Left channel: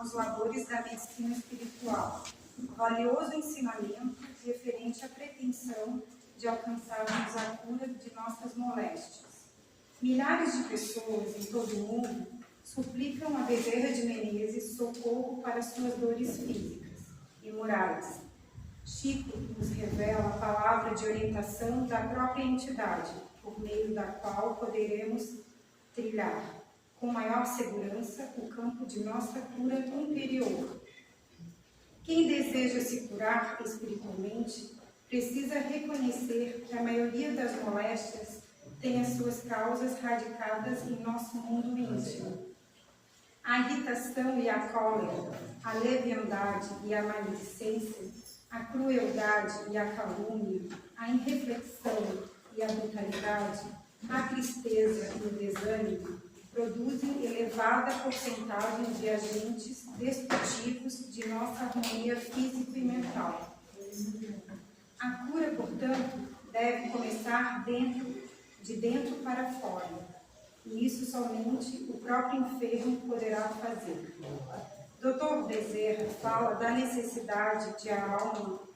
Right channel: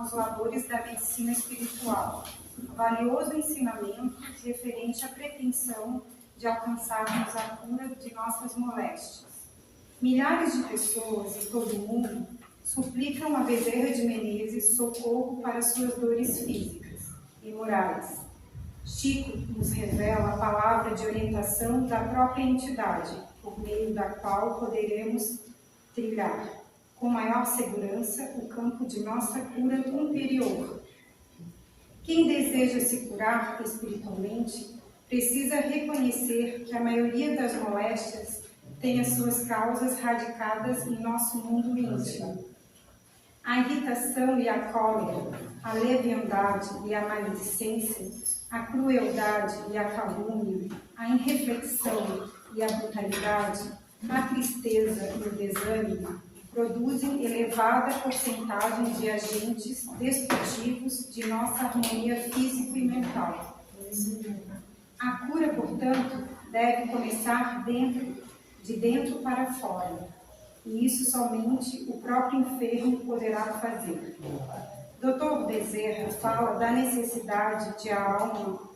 aos labores da medicina espiritual, valioso ensinamento referente à pretensão de alcançarmos a cura de nossas moléstias. Milhares de pessoas em todo o mundo suplicam a Bezerra de Menezes socorro para suas dores físicas e morais. Chico nos revela a palavra de orientação da própria entidade, por meio da qual poderemos trilhar com maior segurança o campo de nossa cura interior. Quem deseja se curar espiritualmente precisa reconhecer que a maioria das moléstias tem as suas causas radicadas em nosso mundo íntimo. A irritação e a cólera, a leviandade e a maledicência, a crueldade e a calúnia, a irreflexão e a brutalidade, a tristeza e o desânimo produzem elevada porcentagem de agentes destrutivos de nossa harmonia física e mental. A cura, portanto, deve começar de dentro para fora, e isso somente o próprio enfermo poderá fazer. Dr. Bezerra fala da necessidade de a alma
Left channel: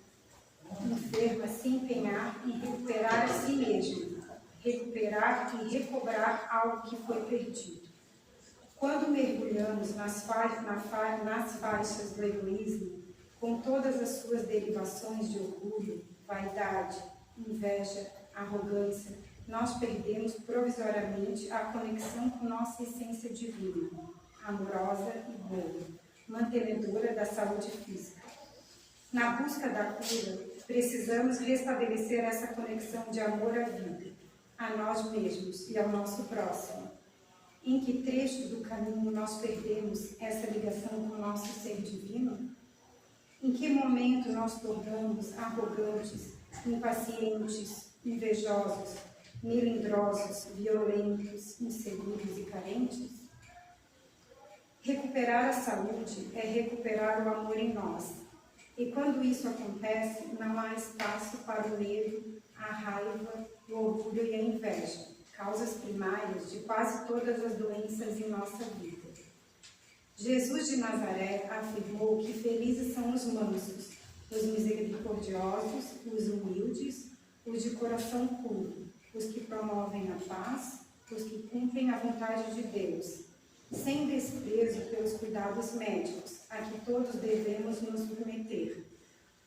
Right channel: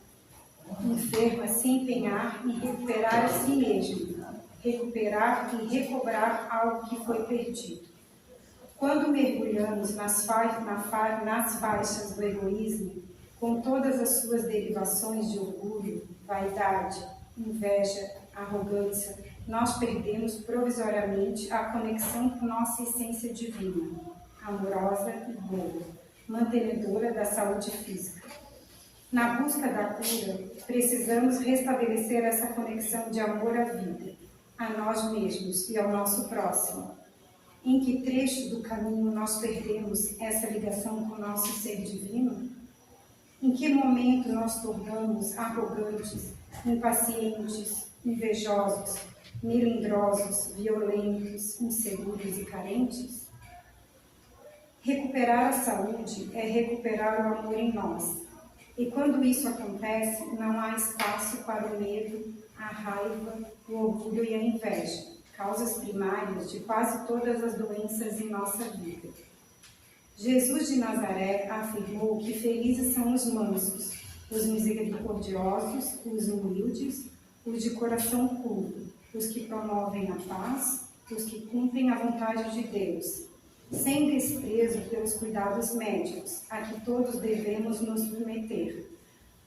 enferma se empenhar em recuperar a si mesma, recuperar e recobrar algo que foi perdido. Quando mergulhamos nas faixas do egoísmo, com todas as suas derivações de orgulho, vaidade, inveja, arrogância, nós perdemos provisoriamente a conexão com nossa essência divina, amorosa e boa, mantenedora da saúde física. Na busca da cura, precisamos restabelecer essa conexão de amor à vida, a nós mesmos e ao nosso próximo. Em que trecho do caminho nós perdemos essa ligação com o nosso ser divino? Em que momento nós tornamos arrogantes, impacientes, invejosos, melindrosos, violentos, inseguros e carentes? Recuperar a saúde é recuperar o amor em nós. E quando isso acontece, não há espaço para o medo, a raiva, o orgulho e a inveja, causas primárias de quase todas as doenças em nossa vida. Jesus de Nazaré afirmou que felizes são os mansos, os misericordiosos, os humildes, os de coração puro, os que promovem a paz, os que cumprem a vontade de Deus, sem desprezo pelos cuidados médicos, a que todos devemos nos submeter.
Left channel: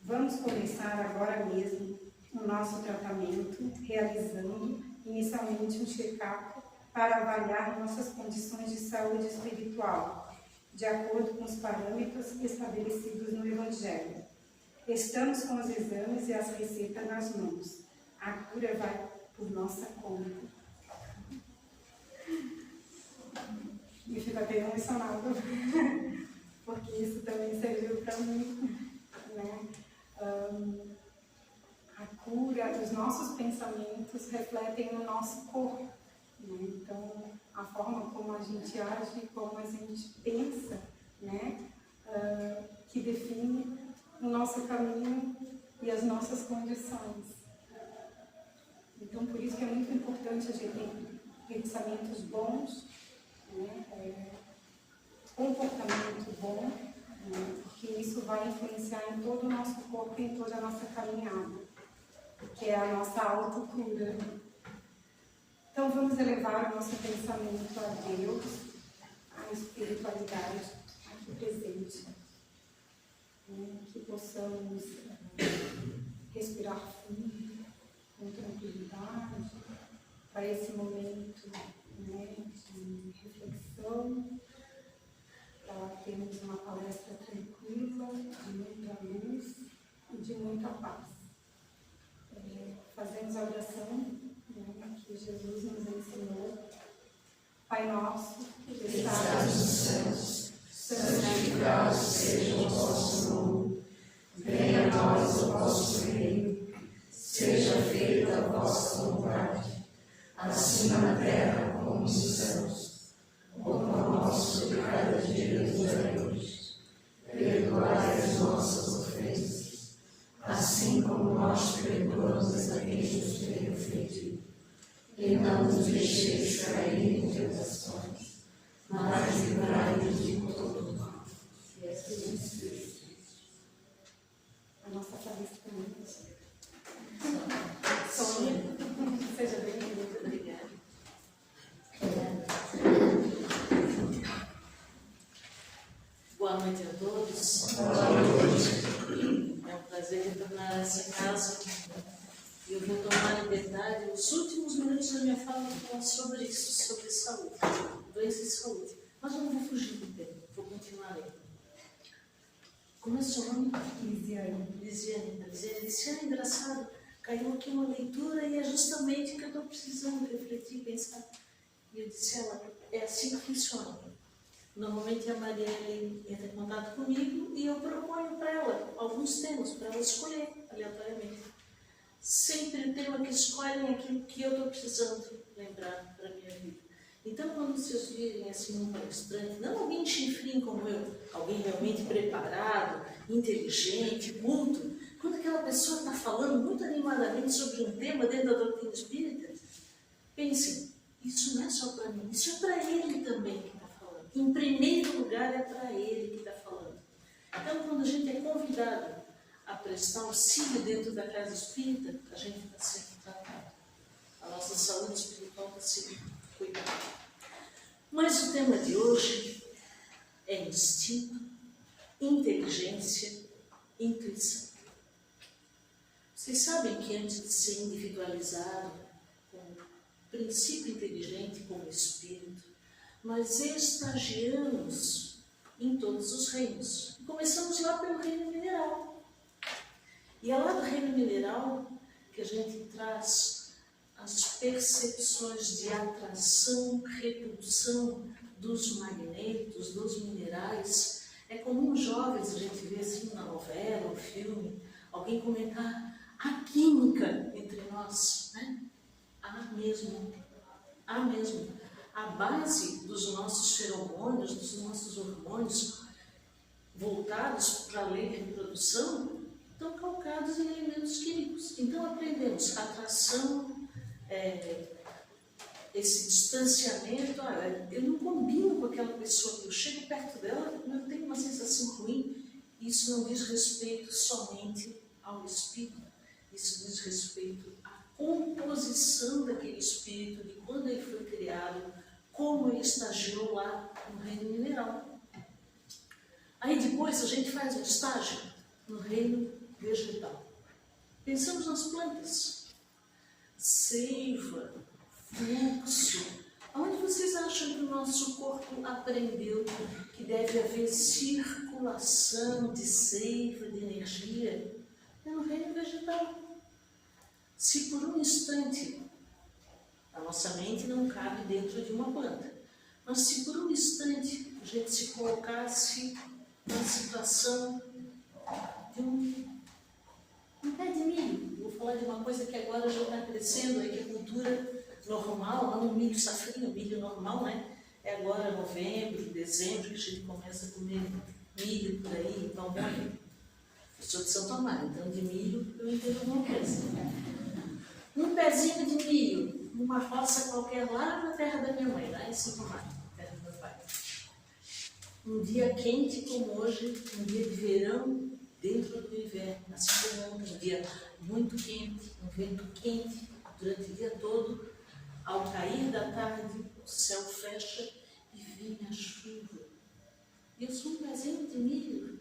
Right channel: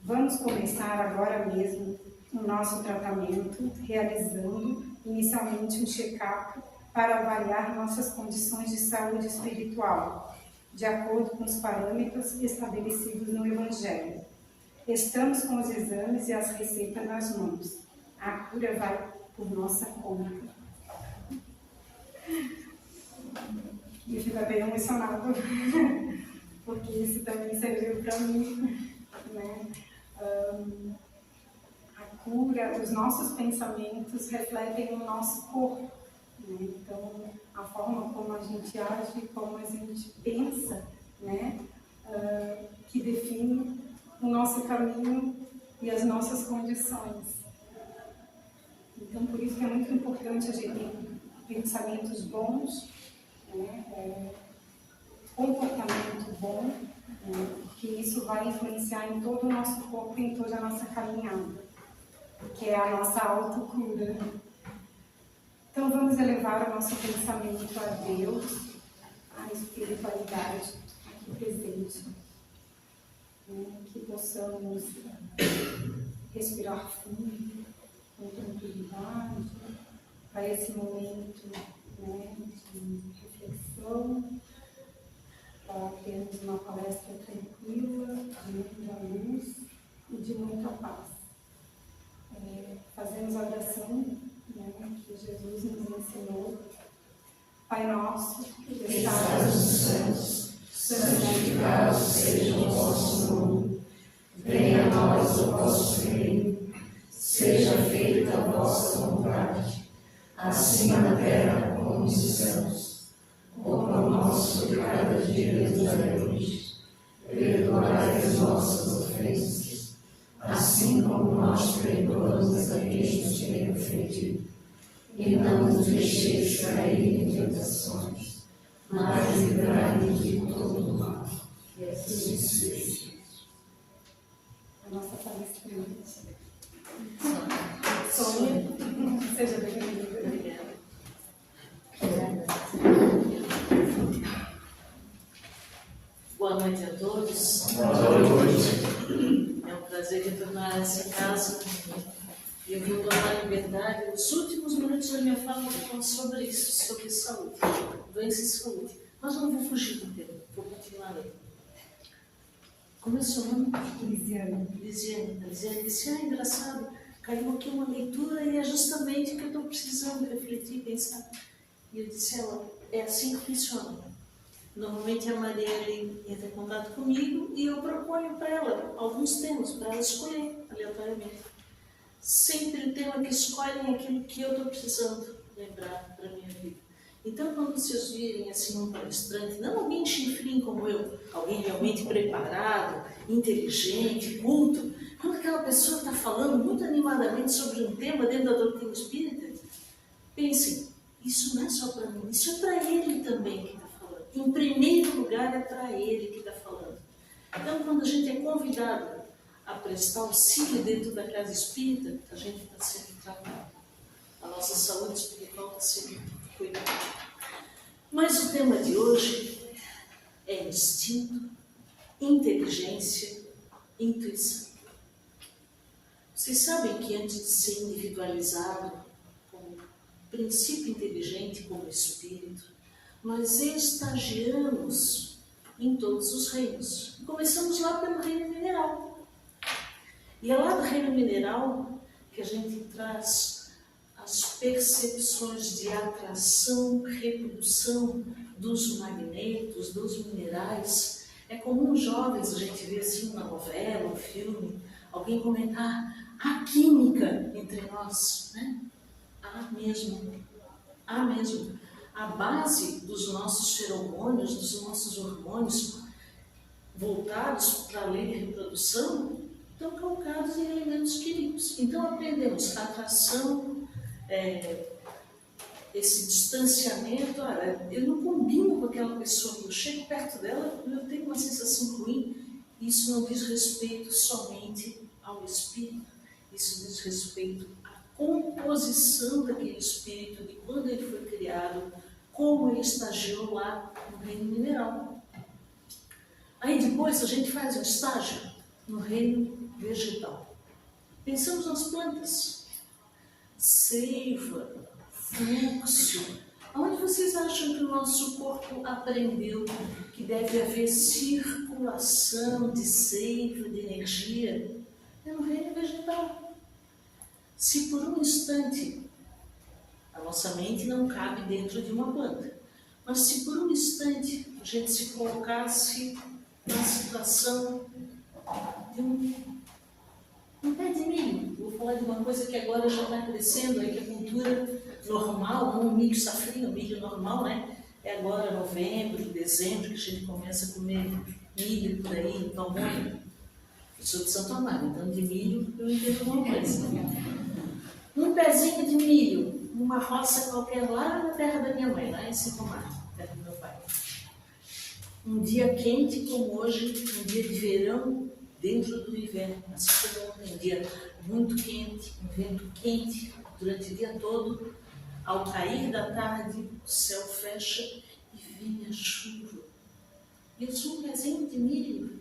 Vamos começar agora mesmo o nosso tratamento, realizando inicialmente um check-up para avaliar nossas condições de saúde espiritual, de acordo com os parâmetros estabelecidos no Evangelho. Estamos com os exames e as receitas nas mãos. A cura vai por nossa conta. E fico bem emocionado, porque isso também serviu para mim, né? A cura, os nossos pensamentos refletem o nosso corpo, né? Então, a forma como a gente age, como a gente pensa, né? Que define o nosso caminho e as nossas condições. Então, por isso que é muito importante a gente ter pensamentos bons, né? Comportamento bom, né? Porque isso vai influenciar em todo o nosso corpo e em toda a nossa caminhada, que é a nossa autocura. Então vamos elevar o nosso pensamento a Deus, à espiritualidade aqui presente, né? Que possamos respirar fundo, com tranquilidade, para esse momento, né, de reflexão, para termos uma palestra tranquila, de muita luz e de muita paz. Fazemos a oração, né, que Jesus nos ensinou. Pai nosso, que estás nos céus, santificado seja o vosso nome. Venha a nós o vosso reino. Seja feita a vossa vontade, assim na terra como nos céus. O pão nosso de cada dia nos dai hoje. Perdoai as nossas ofensas, assim como nós perdoamos a quem nos tem ofendido. E não nos deixeis cair em tentações, mas livrai-nos de todo mal. Boa noite a todos. Boa noite. É um prazer retornar a essa casa. Eu vou tomar liberdade. Os últimos minutos da minha fala eu vou falar sobre isso, sobre saúde, doença e saúde. Mas eu não vou fugir do tema, vou continuar lendo. Como é seu nome? Lisiane. Lisiane. A Lisiane disse, engraçado, caiu aqui uma leitura e é justamente o que eu estou precisando refletir, pensar. E eu disse, é assim que funciona. Normalmente a Marielle entra em contato comigo e eu proponho para ela alguns temas, para ela escolher aleatoriamente. Sempre o tema que escolhem é aquilo que eu estou precisando lembrar para a minha vida. Então, quando vocês virem assim um palestrante, não alguém chinfrim como eu, alguém realmente preparado, inteligente, culto, quando aquela pessoa está falando muito animadamente sobre um tema dentro da doutrina espírita, pensem, isso não é só para mim, isso é para ele também que está falando. Em primeiro lugar, é para ele que está falando. Então, quando a gente é convidado a prestar auxílio dentro da casa espírita, a gente está sendo tratado. A nossa saúde espiritual está sendo cuidada. Mas o tema de hoje é instinto, inteligência, intuição. Vocês sabem que antes de ser individualizado como princípio inteligente, como espírito, nós estagiamos em todos os reinos. Começamos lá pelo reino mineral. E é lá do reino mineral que a gente traz as percepções de atração, repulsão dos magnetos, dos minerais. É comum jovens, a gente vê assim na novela, no filme, alguém comentar a química entre nós, né? Há mesmo. A base dos nossos feromônios, dos nossos hormônios voltados para a lei de reprodução estão calcados em elementos químicos. Então aprendemos atração, esse distanciamento. Eu não combino com aquela pessoa, eu chego perto dela, eu tenho uma sensação ruim. Isso não diz respeito somente ao espírito, isso diz respeito à composição daquele espírito, de quando ele foi criado, como ele estagiou lá no reino mineral. Aí depois a gente faz um estágio no reino vegetal. Pensamos nas plantas, seiva, fluxo. Aonde vocês acham que o nosso corpo aprendeu que deve haver circulação de seiva, de energia? É no reino vegetal. Se por um instante a nossa mente não cabe dentro de uma planta, mas se por um instante a gente se colocasse na situação de um pé de milho, vou falar de uma coisa que agora já está crescendo, aí que a cultura normal, não o milho safrinho, o milho normal, né? É agora novembro, dezembro que a gente começa a comer milho por aí, então eu sou de Santo Amaro, então de milho eu entendo alguma coisa. Um pezinho de milho, numa roça qualquer lá na terra da minha mãe, lá em Santo Amaro, terra do meu pai. Um dia quente como hoje, um dia de verão dentro do inverno, assim como ontem, um dia muito quente, um vento quente durante o dia todo. Ao cair da tarde, o céu fecha e vem a chuva. Eu sou um pezinho de milho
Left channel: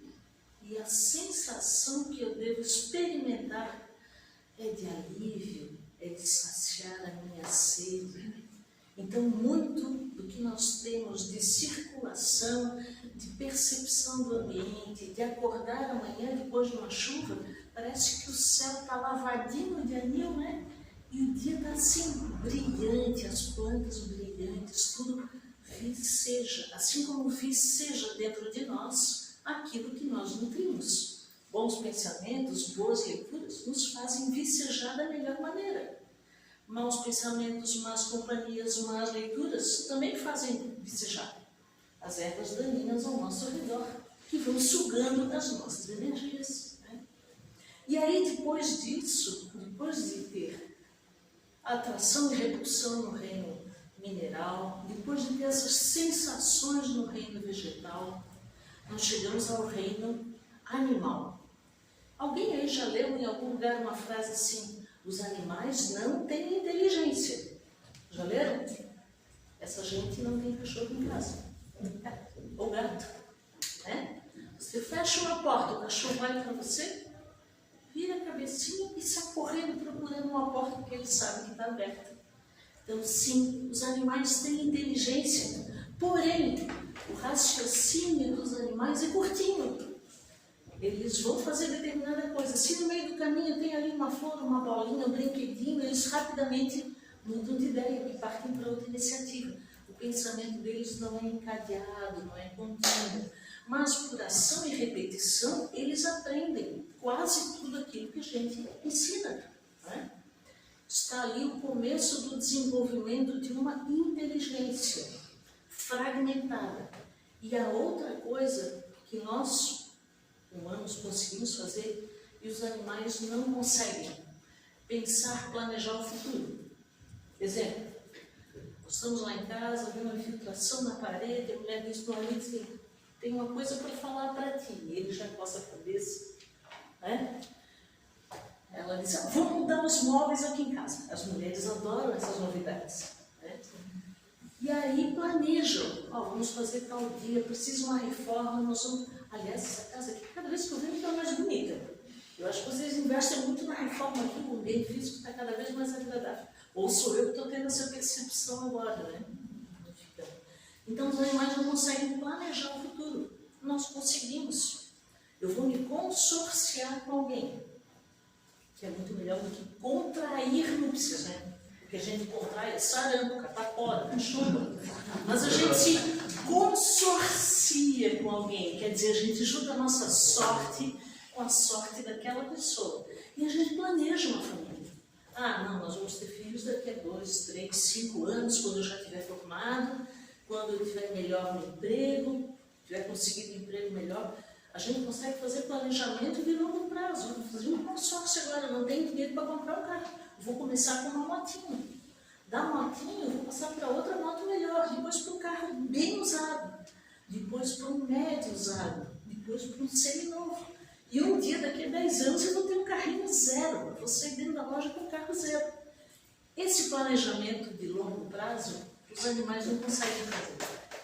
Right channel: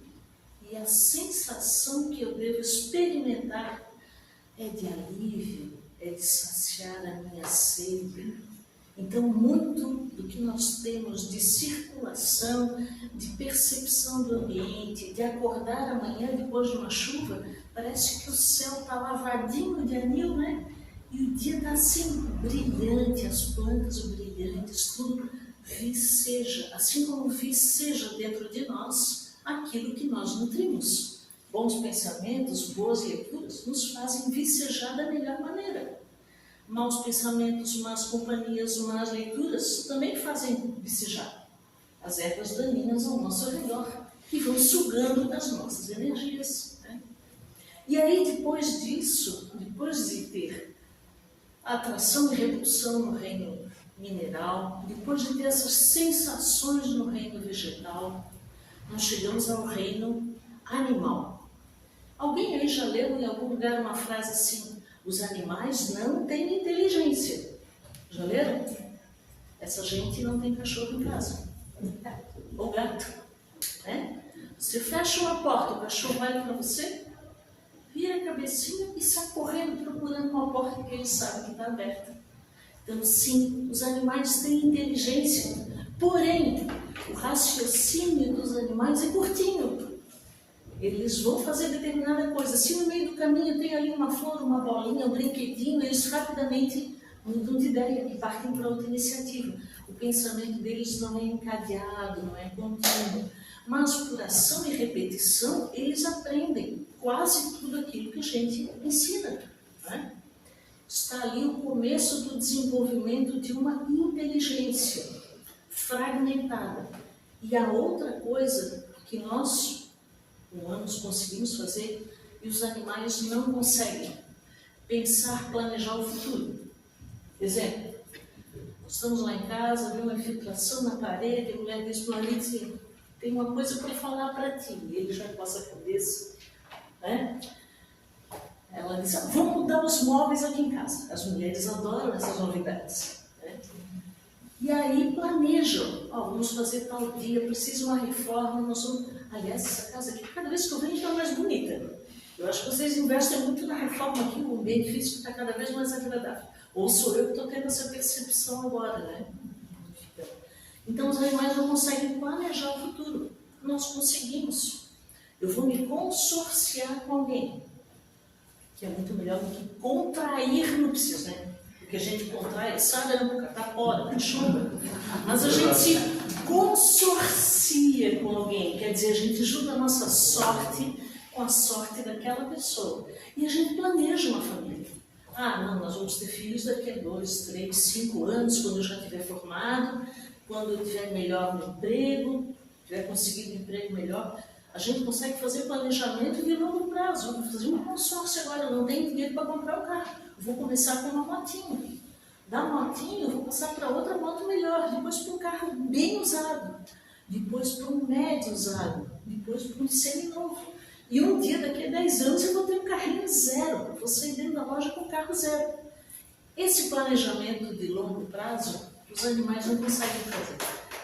e a sensação que eu devo experimentar é de alívio, é de saciar a minha sede. Então, muito do que nós temos de circulação, de percepção do ambiente, de acordar amanhã depois de uma chuva, parece que o céu está lavadinho de anil, né? E o dia está assim, brilhante, as plantas brilhantes, tudo viceja, assim como viceja dentro de nós aquilo que nós nutrimos. Bons pensamentos, boas leituras nos fazem vicejar da melhor maneira. Maus pensamentos, más companhias, más leituras também fazem vicejar as ervas daninhas ao nosso redor, que vão sugando as nossas energias, né? E aí, depois disso, depois de ter atração e repulsão no reino mineral, depois de ter essas sensações no reino vegetal, nós chegamos ao reino animal. Alguém aí já leu em algum lugar uma frase assim: os animais não têm inteligência? Já leram? Essa gente não tem cachorro em casa, ou gato, né? fecham a porta, o cachorro olha para você, vira a cabecinha e sai correndo procurando uma porta que ele sabe que está aberta. Então, sim, os animais têm inteligência, porém, o raciocínio dos animais é curtinho. Eles vão fazer determinada coisa. Se no meio do caminho tem ali uma flor, uma bolinha, um brinquedinho, eles rapidamente mudam de ideia e partem para outra iniciativa. O pensamento deles não é encadeado, não é contínuo. Mas por ação e repetição, eles aprendem quase tudo aquilo que a gente ensina. Né? Está ali o começo do desenvolvimento de uma inteligência fragmentada. E a outra coisa que nós, humanos, conseguimos fazer e os animais não conseguem: pensar, planejar o futuro. Exemplo, estamos lá em casa, vê uma infiltração na parede, a mulher diz para o marido assim: tem uma coisa para falar para ti. E ele já coça a cabeça, né? Ela diz: vamos mudar os móveis aqui em casa. As mulheres adoram essas novidades, né? E aí planejam: vamos fazer tal dia, precisa uma reforma, nós vamos... Aliás, essa casa aqui, cada vez que eu venho, está mais bonita. Eu acho que vocês investem muito na reforma aqui, o ambiente físico está cada vez mais agradável. Ou sou eu que estou tendo essa percepção agora, né? Então, os animais não conseguem planejar o futuro. Nós conseguimos. Eu vou me consorciar com alguém, que é muito melhor do que contrair núpcias, né? Porque a gente contrai sarampo, catapora, cachumba. Mas a gente se consorcia com alguém, quer dizer, a gente junta a nossa sorte com a sorte daquela pessoa. E a gente planeja uma família. Não, nós vamos ter filhos daqui a 2, 3, 5 anos, quando eu já estiver formado, quando eu tiver melhor no emprego, tiver conseguido um emprego melhor. A gente consegue fazer planejamento de longo prazo. Vou fazer um consórcio agora, eu não tenho dinheiro para comprar um carro. Vou começar com uma motinha. Da motinha eu vou passar para outra moto melhor, depois para um carro bem usado, depois para um médio usado, depois para um seminovo. E um dia, daqui a 10 anos, eu vou ter um carrinho zero. Vou sair dentro da loja com um carro zero. Esse planejamento de longo prazo, os animais não conseguem fazer.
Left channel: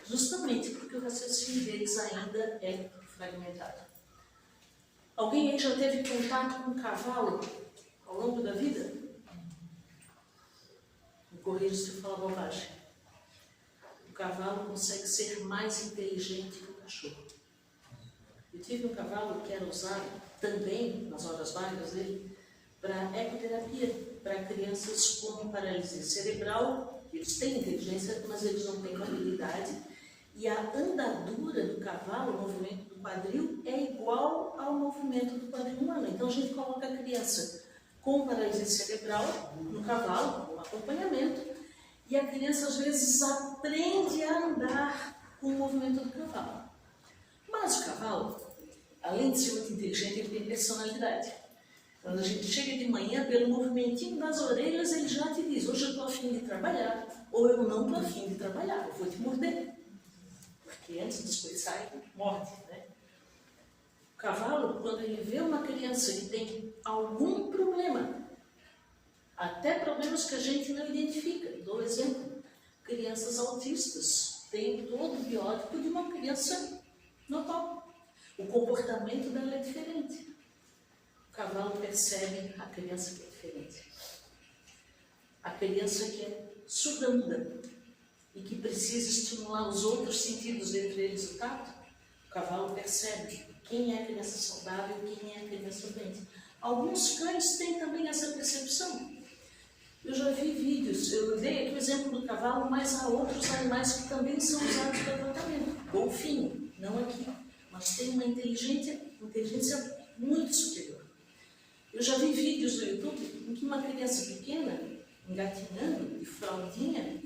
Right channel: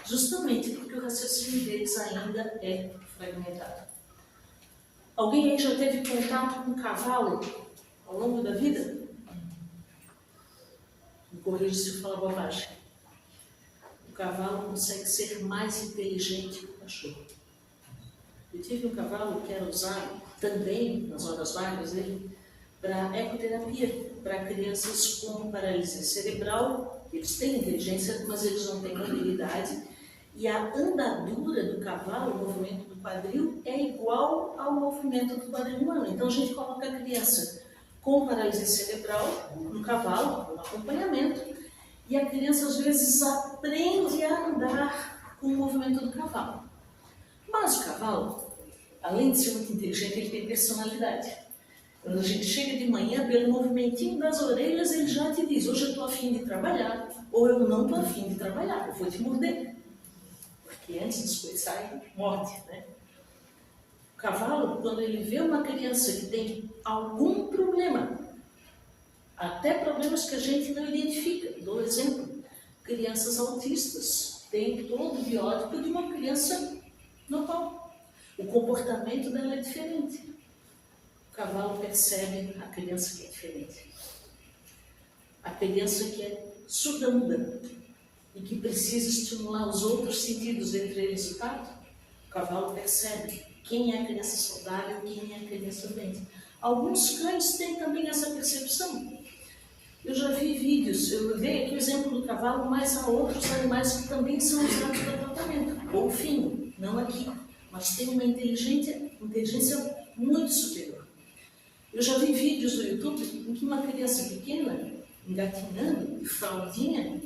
Justamente porque o raciocínio deles ainda é fragmentado. Alguém aí já teve contato com um cavalo ao longo da vida? Me corrija se eu falar bobagem. O cavalo consegue ser mais inteligente que o cachorro. Eu tive um cavalo que era usado também, nas horas vagas dele, para ecoterapia, para crianças com paralisia cerebral. Eles têm inteligência, mas eles não têm mobilidade. E a andadura do cavalo, o movimento do quadril, é igual ao movimento do quadril humano. Então a gente coloca a criança com paralisia cerebral no cavalo, com acompanhamento, e a criança às vezes aprende a andar com o movimento do cavalo. Mas o cavalo, além de ser muito inteligente, ele tem personalidade. Quando a gente chega de manhã, pelo movimentinho das orelhas, ele já te diz: hoje eu estou a fim de trabalhar, ou eu não estou a fim de trabalhar, eu vou te morder. Porque antes das coisas saem, morde, né? O cavalo, quando ele vê uma criança que tem algum problema, até problemas que a gente não identifica, dou um exemplo: crianças autistas têm todo o biótipo de uma criança normal. O comportamento dela é diferente. O cavalo percebe a criança que é diferente. A criança que é surda-muda e que precisa estimular os outros sentidos, dentre eles o tato. O cavalo percebe quem é a criança saudável e quem é a criança doente. Alguns cães têm também essa percepção. Eu já vi vídeos, eu dei aqui o exemplo do cavalo, mas há outros animais que também são usados para tratamento. Golfinho, não aqui, mas tem uma inteligência muito superior. Eu já vi vídeos no YouTube em que uma criança pequena, engatinhando, de fraldinha,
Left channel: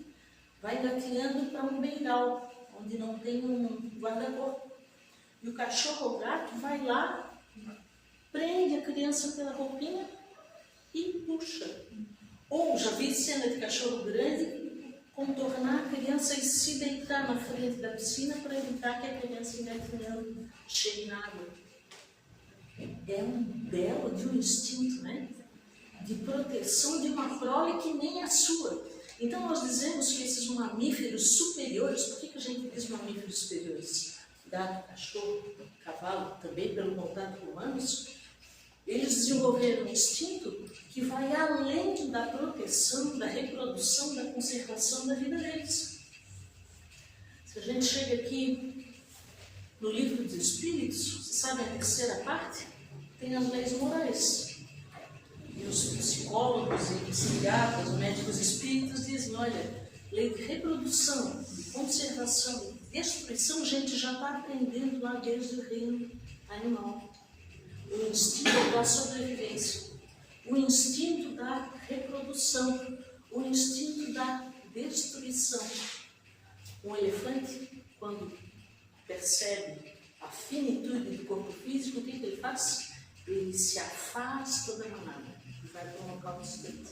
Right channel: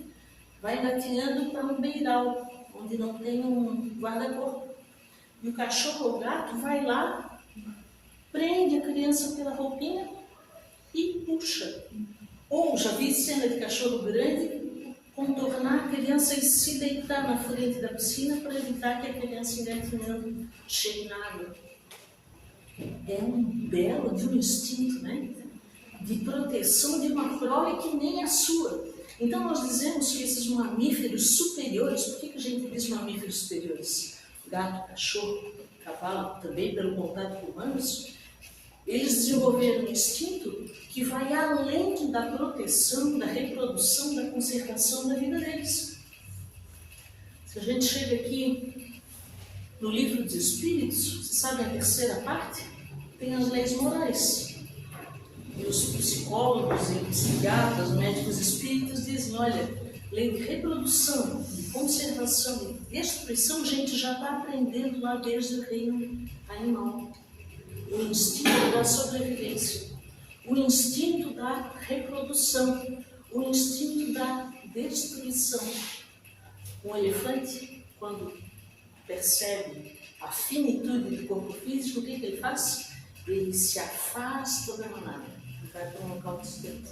vai engatinhando para um beiral, onde não tem um guarda-corpo. E o cachorro ou gato vai lá, prende a criança pela roupinha e puxa. Ou já vi cena de cachorro grande contornar a criança e se deitar na frente da piscina para evitar que a criança engatinhando chegue na água. É um belo de um instinto, né? De proteção de uma prole que nem a sua. Então nós dizemos que esses mamíferos superiores, por que a gente diz mamíferos superiores? Gato, cachorro, cavalo, também pelo contato com humanos, eles desenvolveram um instinto que vai além da proteção, da reprodução, da conservação da vida deles. Se a gente chega aqui no livro dos Espíritos, você sabe a terceira parte? Tem as leis morais. E os psicólogos e psiquiatras, médicos espíritos dizem, olha, lei de reprodução, de conservação e destruição, a gente já está aprendendo lá desde o reino animal. O instinto da sobrevivência, o instinto da reprodução, o instinto da destruição. Um elefante, quando percebe a finitude do corpo físico, o que ele faz? Ele se afasta da manada, vai para um local distante,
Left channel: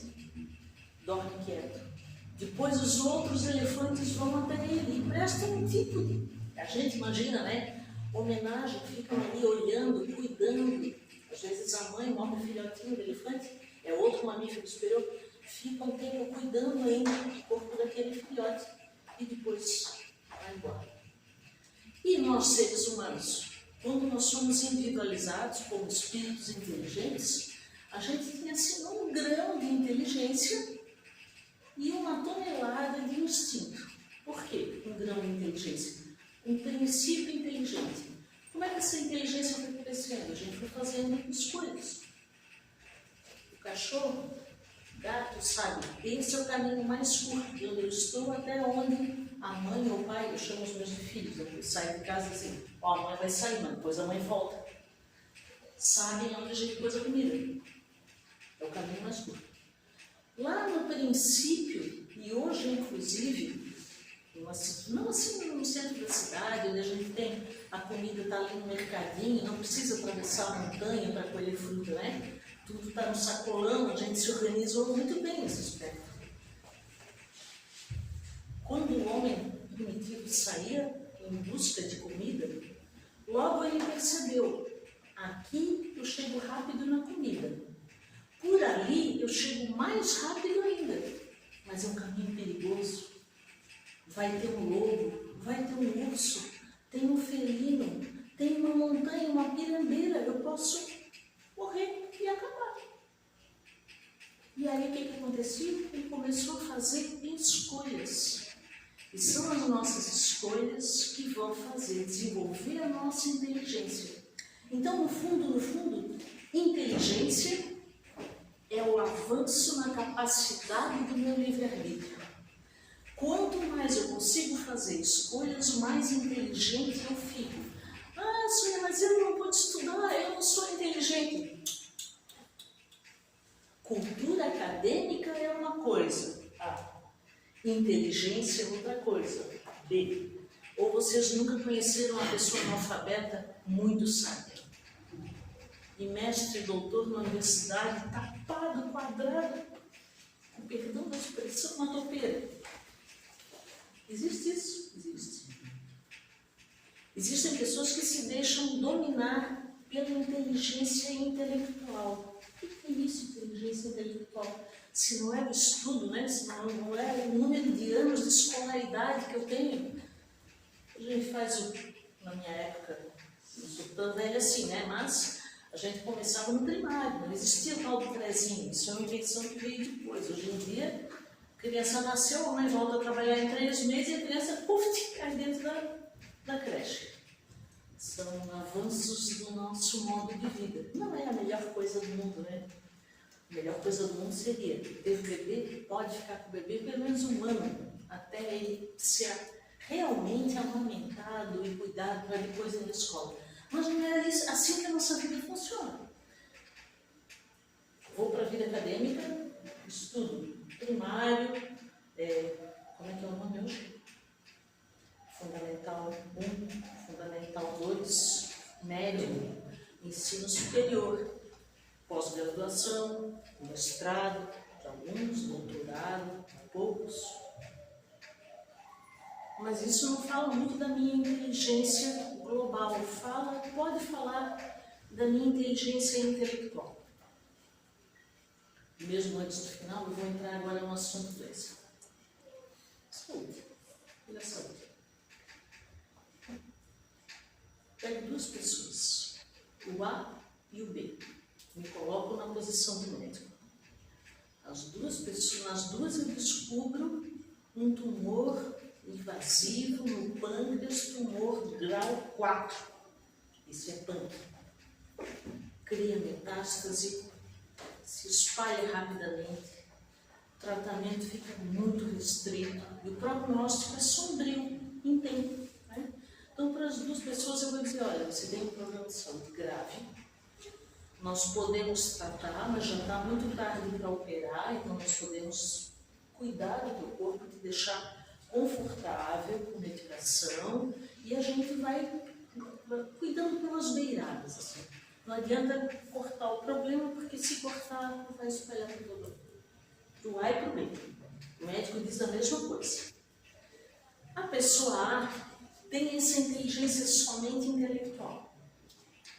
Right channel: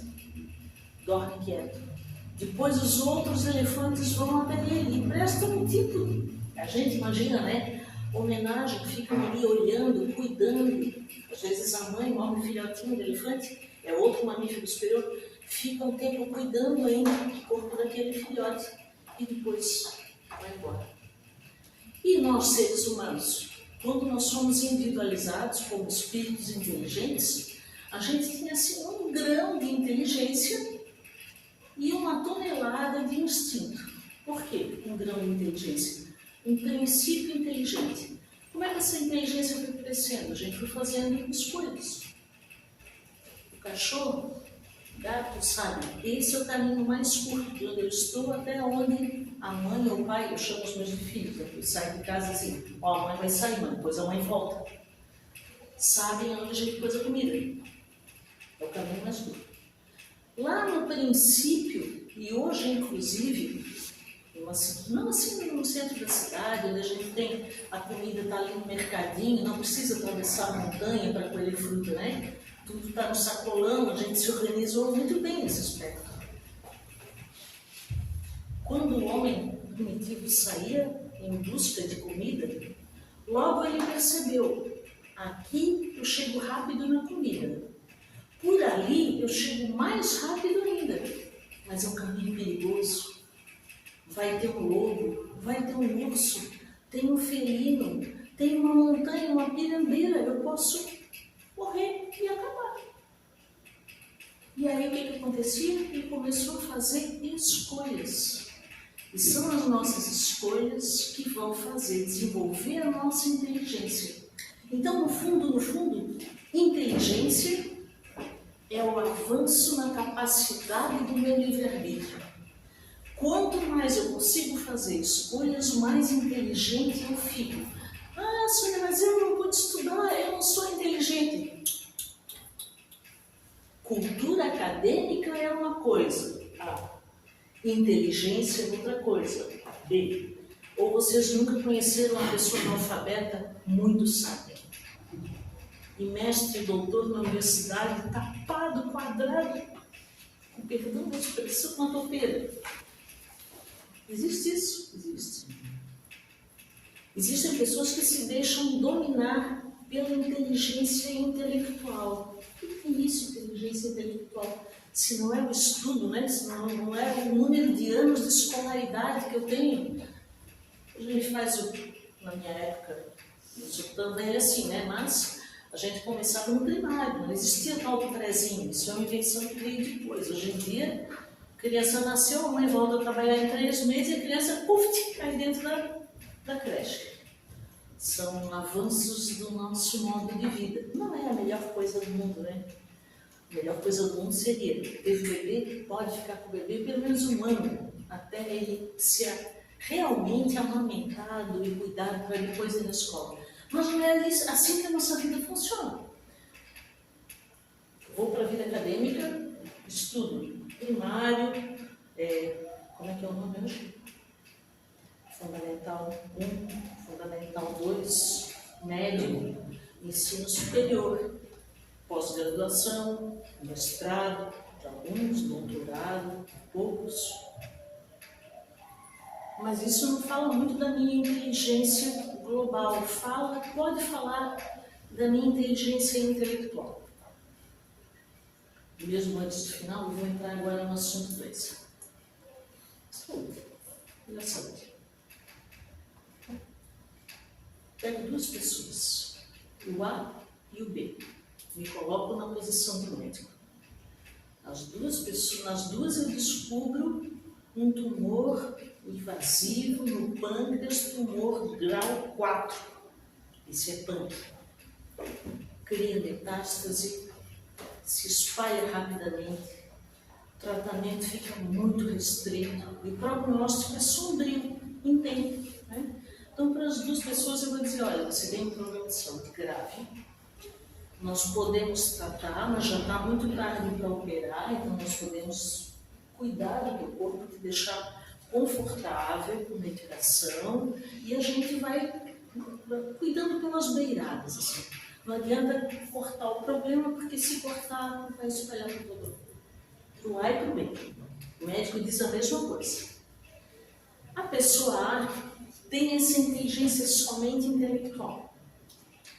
dorme quieto. Depois os outros elefantes vão até ele e prestam um tipo, a gente imagina, né? Homenagem, ficam ali olhando, cuidando. Às vezes a mãe morre um filhotinho de elefante, é outro mamífero superior, fica um tempo cuidando ainda do corpo daquele filhote e depois vai embora. E nós, seres humanos, quando nós somos individualizados como espíritos inteligentes, a gente tem assim um grão de inteligência e uma tonelada de instinto. Por quê? Um grão de inteligência. Um princípio inteligente. Como é que essa inteligência foi crescendo? A gente foi fazendo escolhas. O cachorro, o gato, sabe? Esse é o caminho mais curto, de onde eu estou até onde a mãe ou o pai, eu chamo os meus filhos, eu saio de casa assim, ó, a mãe vai sair, mãe, depois a mãe volta. Sabem onde a gente pôs a comida. É o caminho mais curto. Lá no princípio, e hoje inclusive, não assim no centro da cidade, onde a gente tem a comida, está ali no mercadinho, não precisa atravessar a montanha para colher fruta, né? Tudo está no sacolão, a gente se organizou muito bem nesse aspecto. Quando o homem primitivo saía em busca de comida, logo ele percebeu, aqui eu chego rápido na comida, por ali eu chego mais rápido ainda, mas é um caminho perigoso. Vai ter um lobo, vai ter um urso, tem um felino, tem uma montanha, uma pirambeira, eu posso morrer e acabar. E aí o que acontecia? Ele começou a fazer escolhas. E são as nossas escolhas que vão fazer desenvolver a nossa inteligência. Então, no fundo, inteligência é o avanço na capacidade do meu livre-arbítrio. Quanto mais eu consigo fazer escolhas, mais inteligente eu fico. Ah, Sônia, mas eu não vou estudar, eu não sou inteligente. Cultura acadêmica é uma coisa, A. Inteligência é outra coisa, B. Ou vocês nunca conheceram uma pessoa analfabeta muito sábia. E mestre e doutor na universidade, tapado, quadrado, com perdão da expressão, uma topeira. Existe isso? Existe. Existem pessoas que se deixam dominar pela inteligência intelectual. O que é isso, inteligência intelectual? Se não é o estudo, né? Se não é o número de anos de escolaridade que eu tenho. A gente faz na minha época, não sou tão velha assim, né? Mas a gente começava no primário, não existia tal do prézinho. Isso é uma invenção que veio depois. Hoje em dia, a criança nasceu, a mãe volta a trabalhar em 3 meses e a criança, puf, cai dentro da creche. São avanços do nosso modo de vida. Não é a melhor coisa do mundo, né? A melhor coisa do mundo seria ter o bebê, pode ficar com o bebê pelo menos um ano, até ele ser realmente amamentado e cuidado para depois ir na escola. Mas não é assim que a nossa vida funciona. Vou para a vida acadêmica, estudo primário, como é que é o nome hoje? Fundamental 1, Fundamental 2, médio, ensino superior, pós-graduação, mestrado, de alguns, doutorado, poucos. Mas isso não fala muito da minha inteligência global, pode falar da minha inteligência intelectual. Mesmo antes do final, eu vou entrar agora no assunto 2. Saúde. E a saúde. pego duas pessoas, o A e o B, me coloco na posição do médico. Nas duas eu descubro um tumor invasivo no pâncreas, tumor grau 4. Isso é pâncreas. Cria metástase, se espalha rapidamente, o tratamento fica muito restrito e o prognóstico é sombrio em tempo. Né? Então, para as duas pessoas eu vou dizer, olha, você tem um problema de saúde grave, nós podemos tratar, mas já está muito tarde para operar, então nós podemos cuidar do teu corpo, te deixar confortável com medicação e a gente vai cuidando pelas beiradas. Assim. Não adianta cortar o problema, porque se cortar, vai espalhar para todo mundo. Para o A e para o B. O médico diz a mesma coisa. A pessoa A tem essa inteligência somente intelectual.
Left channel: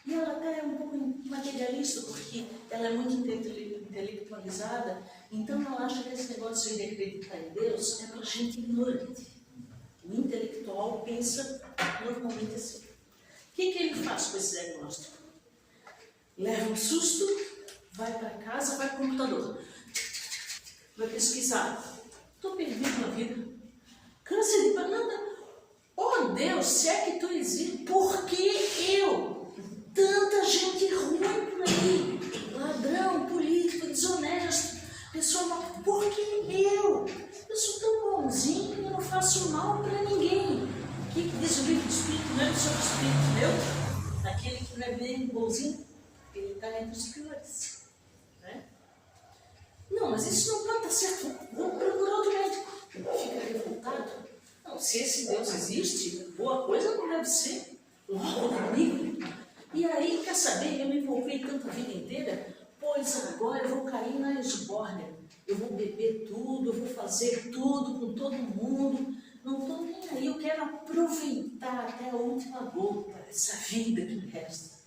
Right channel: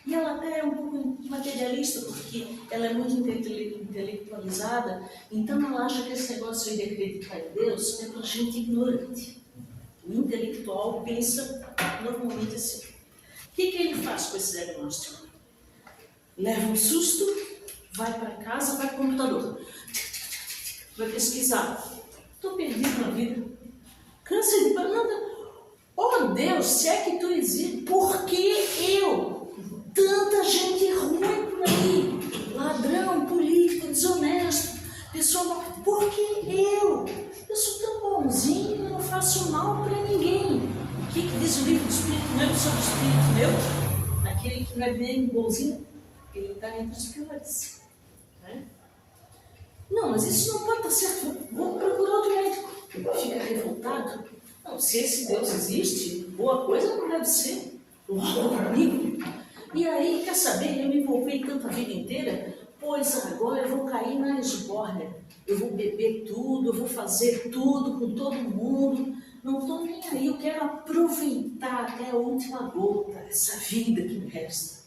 E ela até é um pouco materialista, porque ela é muito intelectualizada, então ela acha que esse negócio de acreditar em Deus é para gente ignorante. O intelectual pensa normalmente assim. O que ele faz com esse diagnóstico? Leva um susto, vai para casa, vai para o computador, vai pesquisar. Estou perdido na vida. Câncer de banana. Oh Deus, se é que tu existe, por que eu? Tanta gente ruim por aí, ladrão, político, desonesto, pessoa, por que eu? Eu sou tão bonzinho, eu não faço mal para ninguém. O que diz o livro do Espírito Meu sobre o Espírito Meu? Aquele que não é bem bonzinho, ele está entre os piores. Né? Não, mas isso não pode estar certo, vamos procurar outro médico. Fica revoltado. Não, se esse Deus existe, boa coisa não deve ser. Logo comigo. E aí, quer saber, eu me envolvi tanto a vida inteira, pois agora eu vou cair na esbórnia. Eu vou beber tudo, eu vou fazer tudo com todo mundo. Não estou nem aí, eu quero aproveitar até a última gota essa vida que me resta.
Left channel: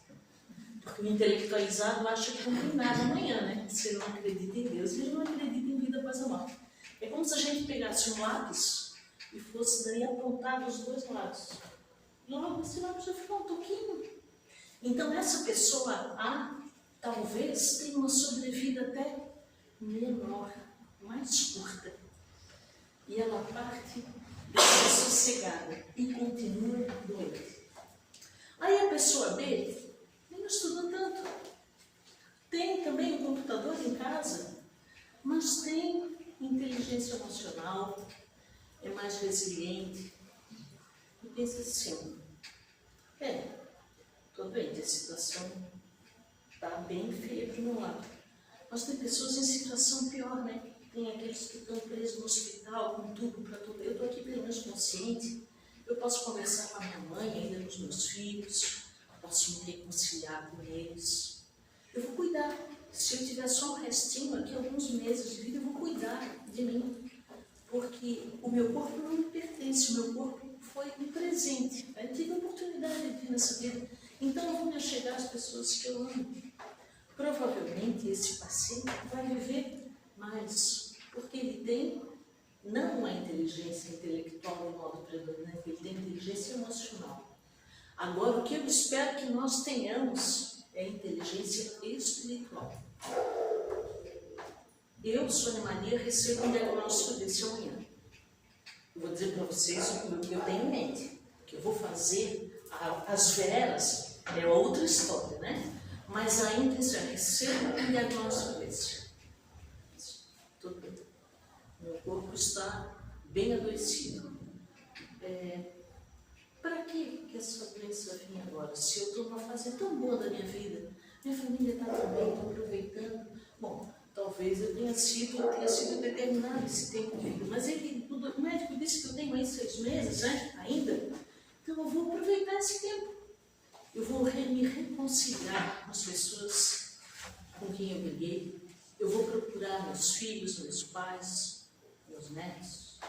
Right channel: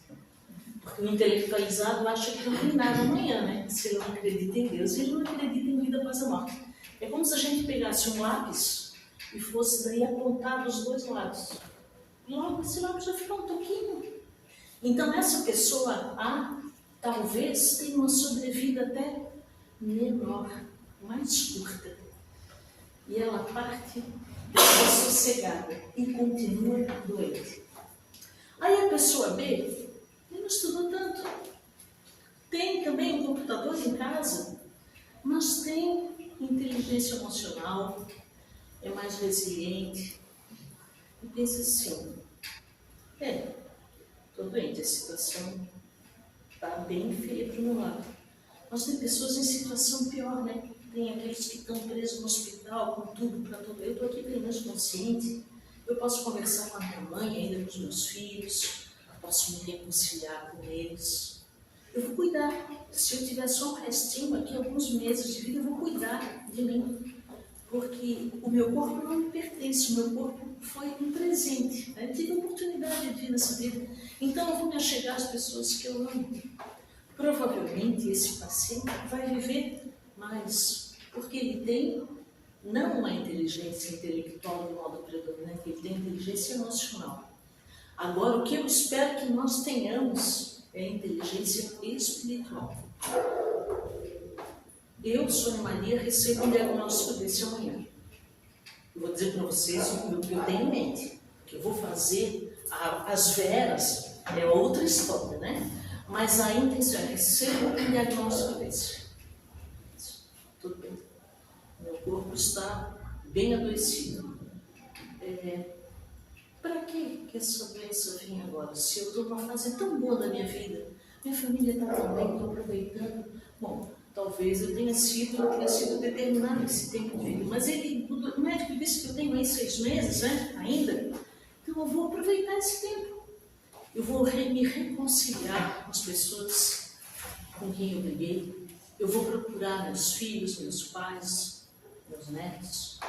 Porque o intelectualizado acha que não tem nada amanhã, né? Se ele não acredita em Deus, ele não acredita em vida após a morte. É como se a gente pegasse um lápis e fosse daí apontar dos dois lados. Logo, esse lápis vai ficar um toquinho. Então, essa pessoa A, talvez, tenha uma sobrevida até menor, mais curta. E ela parte dessa sossegada e continua doente. Aí a pessoa B, nem estudou tanto. Tem também um computador em casa, mas tem inteligência emocional, é mais resiliente. E pensa assim, estou doente, a situação está bem feia para o meu lado. Mas tem pessoas em situação pior, né? Tem aqueles que estão presos no hospital com tudo para tudo. Eu estou aqui pelo menos consciente. Eu posso conversar com a minha mãe, ainda com os meus filhos. Posso me reconciliar com eles. Eu vou cuidar. Se eu tiver só um restinho aqui, alguns meses de vida, eu vou cuidar de mim. Porque o meu corpo não me pertence. O meu corpo foi um presente. Eu tive a oportunidade de vir nessa vida. Então eu vou me achegar às pessoas que eu amo. Provavelmente esse paciente vai viver mais, porque ele tem não uma inteligência intelectual de modo predominante, ele tem inteligência emocional. Agora, o que eu espero que nós tenhamos é inteligência espiritual. Eu, Sônia Maria, recebo um diagnóstico desse amanhã. Eu vou dizer para vocês o que eu tenho em mente, que eu vou fazer as veras. É outra história, né? Mas a intenção é receber um diagnóstico desse. Tudo bem. Meu corpo está bem adoecido. Para que essa doença vinha agora? Se eu estou numa fase tão boa da minha vida, minha família está tão bem, estou aproveitando. Bom, talvez eu tenha sido determinado esse tempo de vida. Mas o médico disse que eu tenho aí 6 meses, né? Ainda. Então eu vou aproveitar esse tempo. Eu vou me reconciliar com as pessoas com quem eu briguei. Eu vou procurar meus filhos, meus pais, meus netos.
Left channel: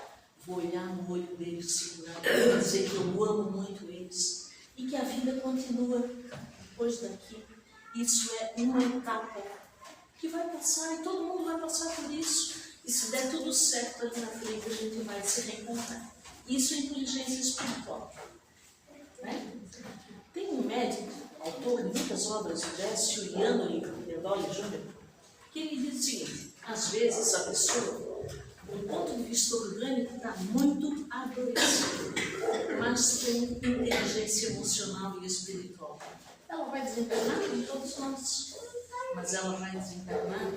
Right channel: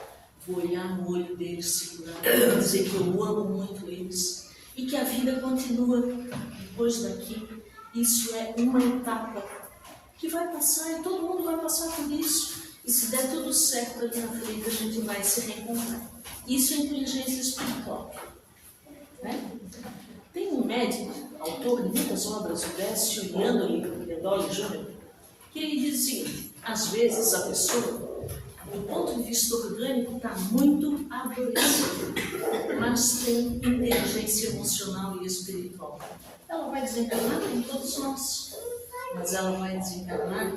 Vou olhar no olho deles, segurar, dizer que eu amo muito eles. E que a vida continua depois daqui. Isso é uma etapa que vai passar e todo mundo vai passar por isso. E se der tudo certo ali na frente, a gente vai se reencontrar. Isso é inteligência espiritual. Né? Tem um autor de muitas obras, o Décio Iandoli Júnior, que ele diz o seguinte: às vezes a pessoa, do ponto de vista orgânico, está muito adoecida, mas tem inteligência emocional e espiritual. Ela vai desencarnar em todos nós, mas ela vai desencarnar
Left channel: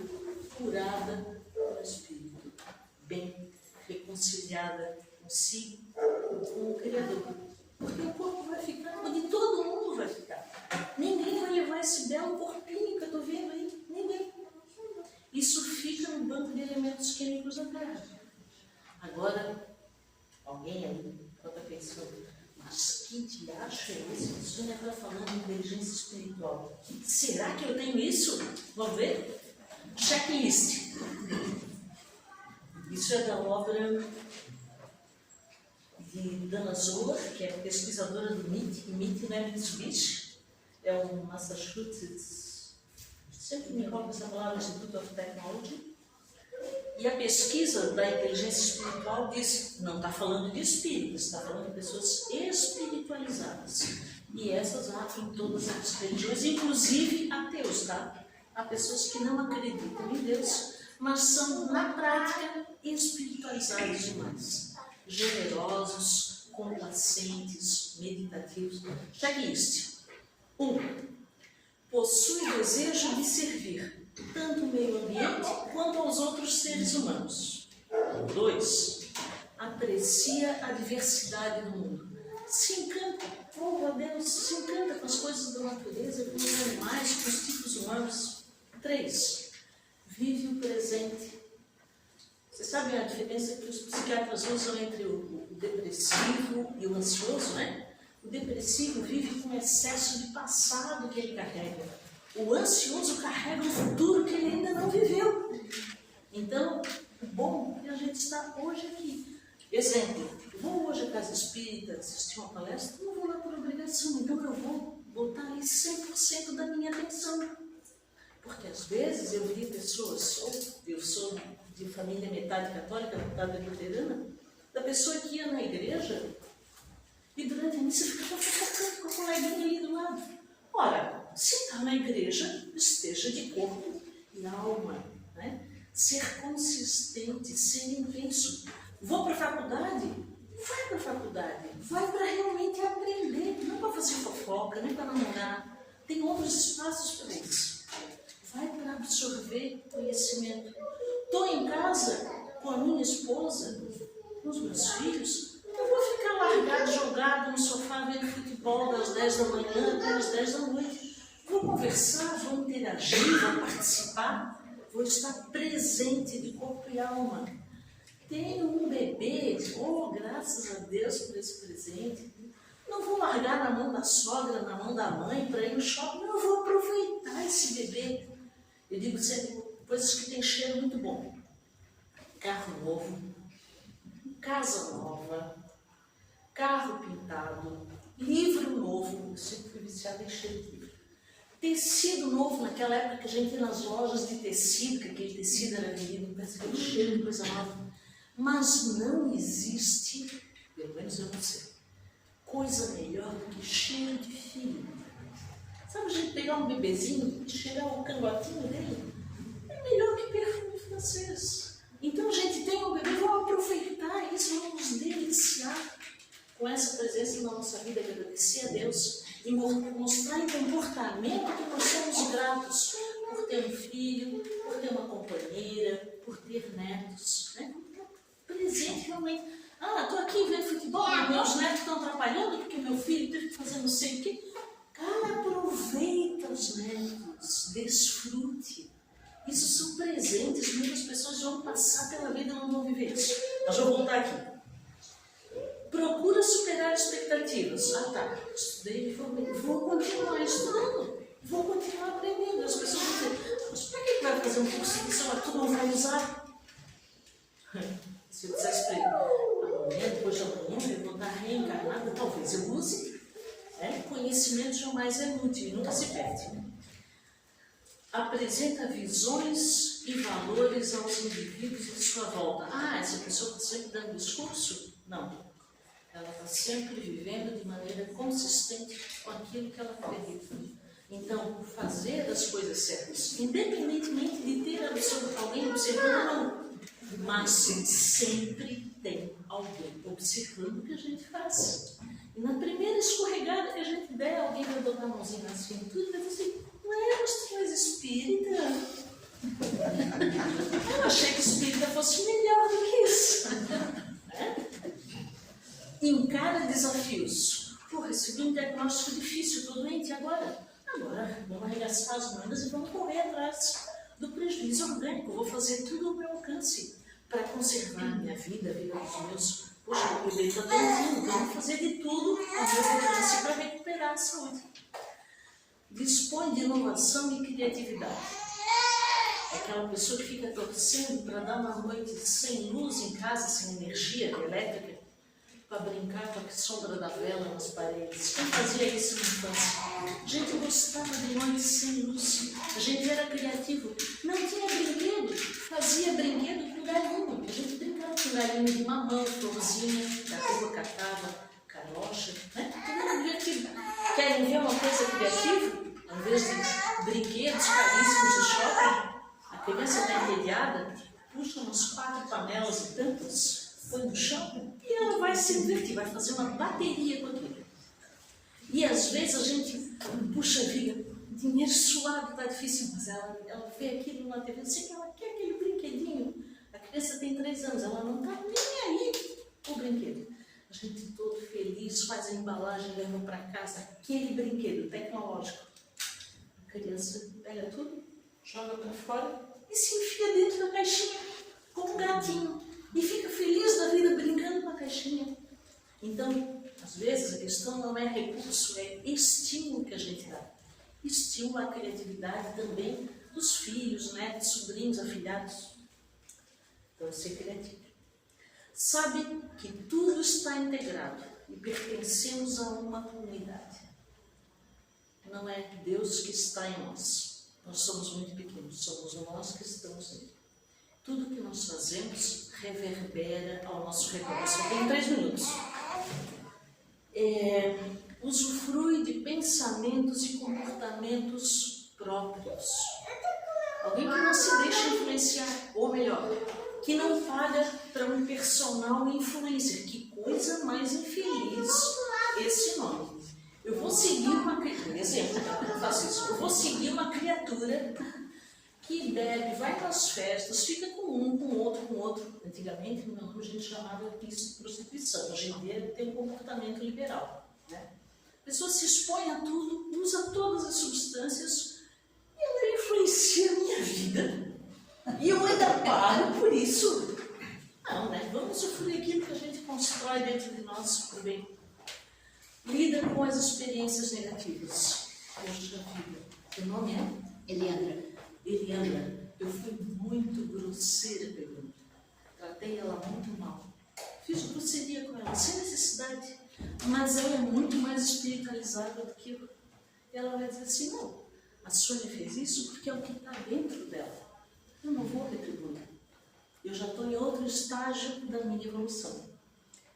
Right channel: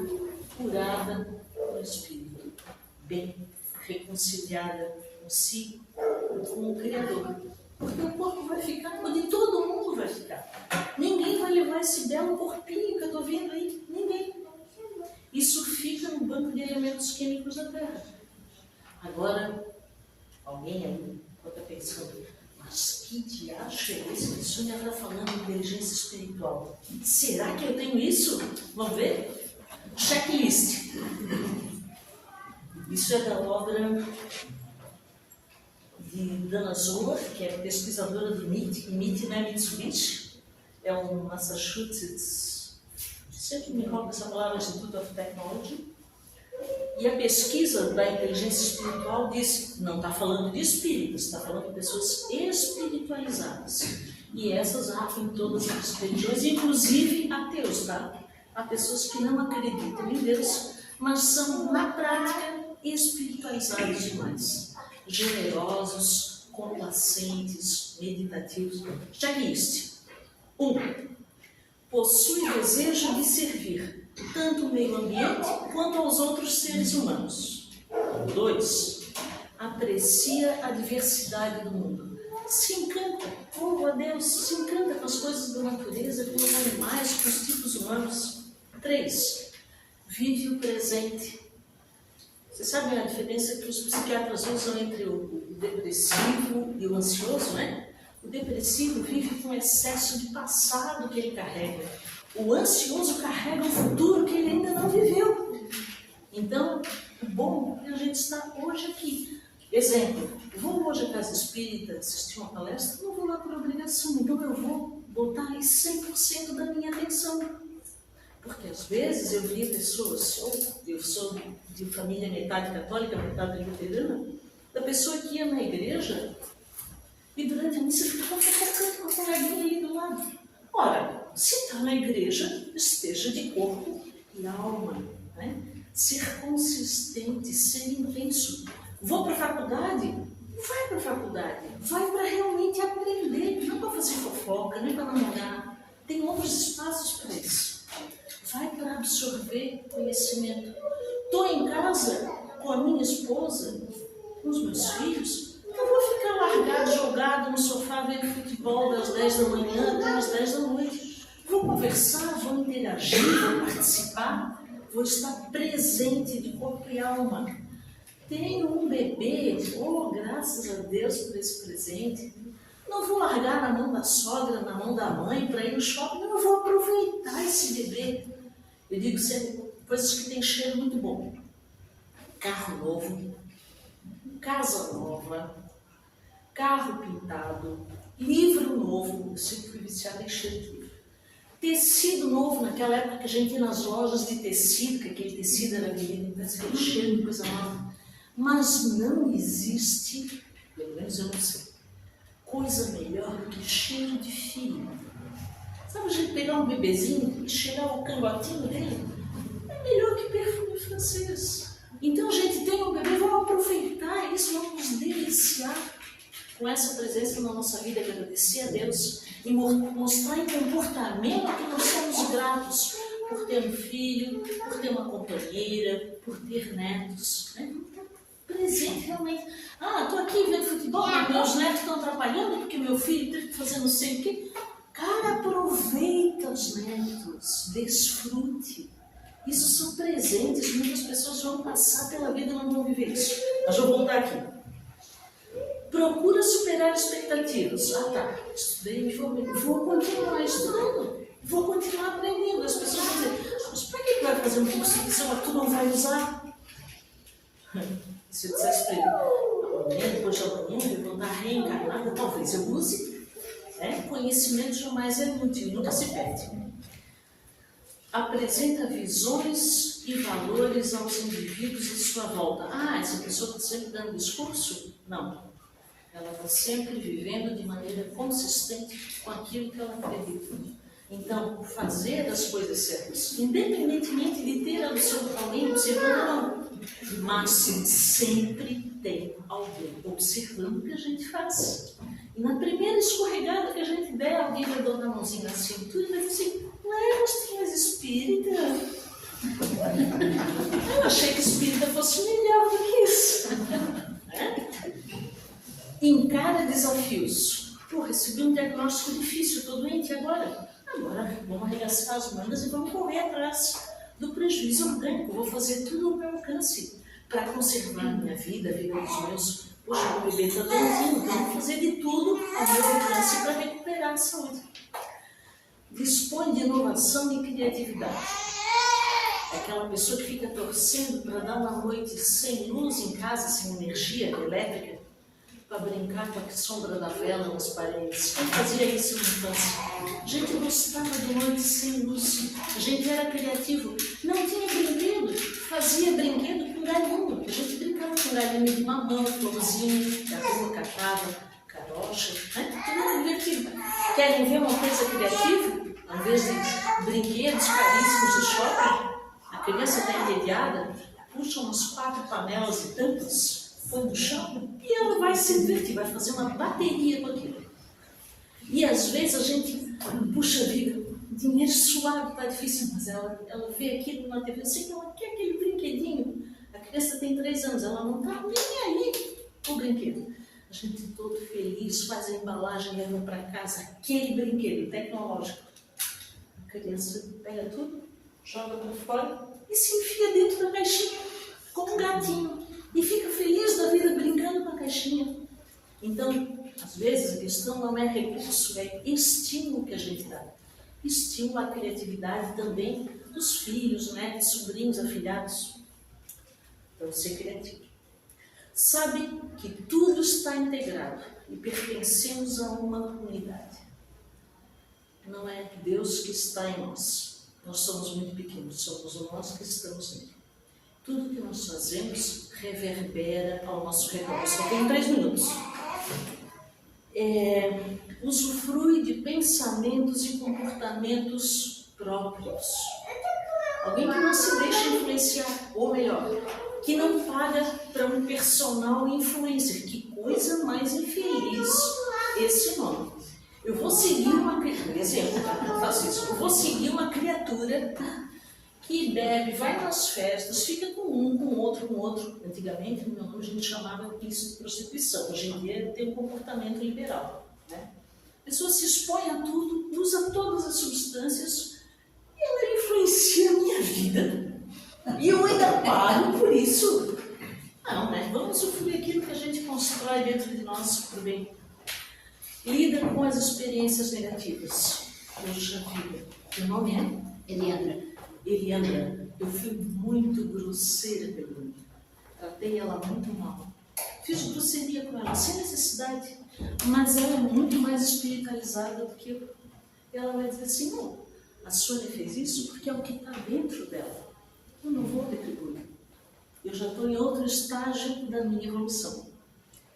curada no espírito, bem reconciliada consigo, com o Criador. Porque o corpo vai ficar onde todo mundo vai ficar. Ninguém vai levar esse belo corpinho que eu estou vendo aí. Ninguém. Isso fica no banco de elementos químicos da Terra. Agora, alguém aí pode estar pensando, mas que diacho é esse? A Sônia está falando de inteligência espiritual. Será que eu tenho isso? Vamos ver? Checklist. Isso é da obra de Dana Zohar, que é pesquisadora do MIT. MIT não é Mitsubishi, é o Massachusetts, sempre me roubo essa palavra, Institute of Technology. E a pesquisa da inteligência espiritual diz, não está falando de espíritas, está falando de pessoas espiritualizadas. E essas há em todas as religiões, inclusive ateus, tá? Há pessoas que não acreditam em Deus, mas são, na prática, espiritualizados demais. Generosos, complacentes, meditativos. Checklist. 1. Possui desejo de servir tanto o meio ambiente quanto aos outros seres humanos. 2. Aprecia a diversidade do mundo. Se encanta, a Deus, se encanta com as coisas da natureza, com os animais, com os tipos humanos. 3. Vive o presente. Vocês sabem a diferença que os psiquiatras usam entre o depressivo e o ansioso, né? O depressivo vive com excesso de passado que ele carrega. O ansioso carrega um futuro que ele ainda não viveu. Então, o bom é a gente estar hoje aqui. Exemplo, vou hoje à casa espírita assistir uma palestra, não vou lá por obrigação, então eu vou botar aí 100% da minha atenção. Porque às vezes eu via pessoas, eu sou de família metade católica, metade luterana, da pessoa que ia na igreja e durante a missa ficava focando com a coleguinha ali do lado. Ora, se está na igreja, esteja de corpo e alma, né? Ser consistente, ser intenso. Vou para a faculdade? Vai para a faculdade. Vai para realmente aprender, não para fazer fofoca, nem para namorar. Tem outros espaços para isso. Vai para absorver conhecimento. Estou em casa com a minha esposa, com os meus filhos, não vou ficar largado, jogado no sofá vendo futebol das 10 da manhã até as 10 da noite. Vou conversar, vou interagir, vou participar, vou estar presente de corpo e alma. Tenho um bebê, graças a Deus por esse presente. Não vou largar na mão da sogra, na mão da mãe para ir no shopping, não, eu vou aproveitar esse bebê. Eu digo sempre coisas que têm cheiro muito bom. Carro novo, casa nova, carro pintado, livro novo, eu sempre fui viciada em cheiro de livro. Tecido novo, naquela época que a gente ia nas lojas de tecido, que aquele tecido era vendido, parece aquele cheiro de coisa nova. Mas não existe, pelo menos eu não sei, coisa melhor do que cheiro de filho. Sabe a gente pegar um bebezinho e cheirar o cangotinho dele? É melhor que perfume francês. Então a gente tem um bebê, vamos aproveitar isso, vamos nos deliciar com essa presença na nossa vida, agradecer a Deus e mostrar em comportamento que nós somos gratos por ter um filho, por ter uma companheira, por ter netos, né? Presente realmente. Estou aqui vendo futebol, meus netos estão atrapalhando porque meu filho teve que fazer não sei o quê. Cara, aproveita os netos, desfrute. Isso são presentes, muitas pessoas vão passar pela vida e não vão viver isso. Mas eu vou voltar aqui. Procura superar expectativas. Estudei, me formei. Vou continuar estudando. Vou continuar aprendendo. As pessoas vão dizer, mas para que vai fazer um curso que tu não vai usar? Se eu dissesse para ele, amanhã, depois de amanhã, eu vou estar reencarnada, talvez eu use. Conhecimento jamais é inútil, nunca se perde. Apresenta visões e valores aos indivíduos à sua volta. Essa pessoa está sempre dando discurso? Não. Ela está sempre vivendo de maneira consistente com aquilo que ela acredita. Então, fazer as coisas certas, independentemente de ter alguém observando ou não, mas sempre tem alguém observando o que a gente faz. E na primeira escorregada que a gente der, alguém vai dar uma mãozinha na cintura e vai dizer assim: ué, mas tu és espírita? Eu achei que espírita fosse melhor do que isso. Encara desafios. Pô, recebi um diagnóstico difícil, estou doente agora. Agora vamos arregaçar as mangas e vamos correr atrás do prejuízo orgânico. Vou fazer tudo ao meu alcance para conservar a minha vida, a vida dos meus. Poxa, o bebê está doentinho, então vou fazer de tudo ao meu alcance para recuperar a saúde. Dispõe de inovação e criatividade. Aquela pessoa que fica torcendo para dar uma noite sem luz em casa, sem energia elétrica, para brincar com a sombra da vela nas paredes. Quem fazia isso na infância? A gente gostava de noite sem luz, a gente era criativo, não tinha brinquedo, fazia brinquedo com galinha. A gente brincava com galinha de mamão, florzinha, caramba, catava, carocha, né? Tudo era divertido. Querem ver uma coisa criativa? Ao invés de brinquedos caríssimos de shopping, a criança está entediada, puxa umas 4 panelas e tampas, põe no chão e ela vai se divertir, vai fazer uma bateria com aquilo. E às vezes a gente, puxa vida, dinheiro suado, está difícil, mas ela vê aquilo na TV, eu sei que ela quer aquele brinquedinho. A criança tem 3 anos, ela não está nem aí com o brinquedo. A gente todo feliz, faz a embalagem, leva para casa aquele brinquedo tecnológico. A criança pega tudo, joga para fora e se enfia dentro da caixinha, como um gatinho. E fica feliz da vida brincando com a caixinha. Então, às vezes, a questão não é recurso, é estímulo que a gente dá. Estímulo à criatividade também dos filhos, netos, sobrinhos, afilhados. Então, ser criativo. Sabe que tudo está integrado e pertencemos a uma comunidade. Não é Deus que está em nós. Nós somos muito pequenos, somos nós que estamos nele. Tudo que nós fazemos reverbera ao nosso redor. Só tem 3 minutos. Usufrui de pensamentos e comportamentos próprios. Alguém que não se deixa influenciar, ou melhor, que não paga para um personal influencer. Que coisa mais infeliz esse nome. Eu vou seguir uma criatura, exemplo, eu faço isso. Eu vou seguir uma criatura que bebe, vai nas festas, fica com um, com outro. Antigamente, no meu nome, a gente chamava isso de prostituição. Hoje em dia, tem um comportamento liberal. Né? A pessoa se expõe a tudo, usa todas as substâncias e ela influencia a minha vida. E eu ainda pago por isso. Não, né? Vamos usufruir aquilo que a gente constrói dentro de nós por bem. Lida com as experiências negativas. Puxa vida. Meu nome é Eliana. Eu fui muito grosseira com ela. Tratei ela muito mal. Fiz grosseria com ela, sem necessidade. Mas ela é muito mais espiritualizada do que eu. Ela vai dizer assim: não, a Sônia fez isso porque é o que está dentro dela. Eu não vou retribuir. Eu já estou em outro estágio da minha evolução.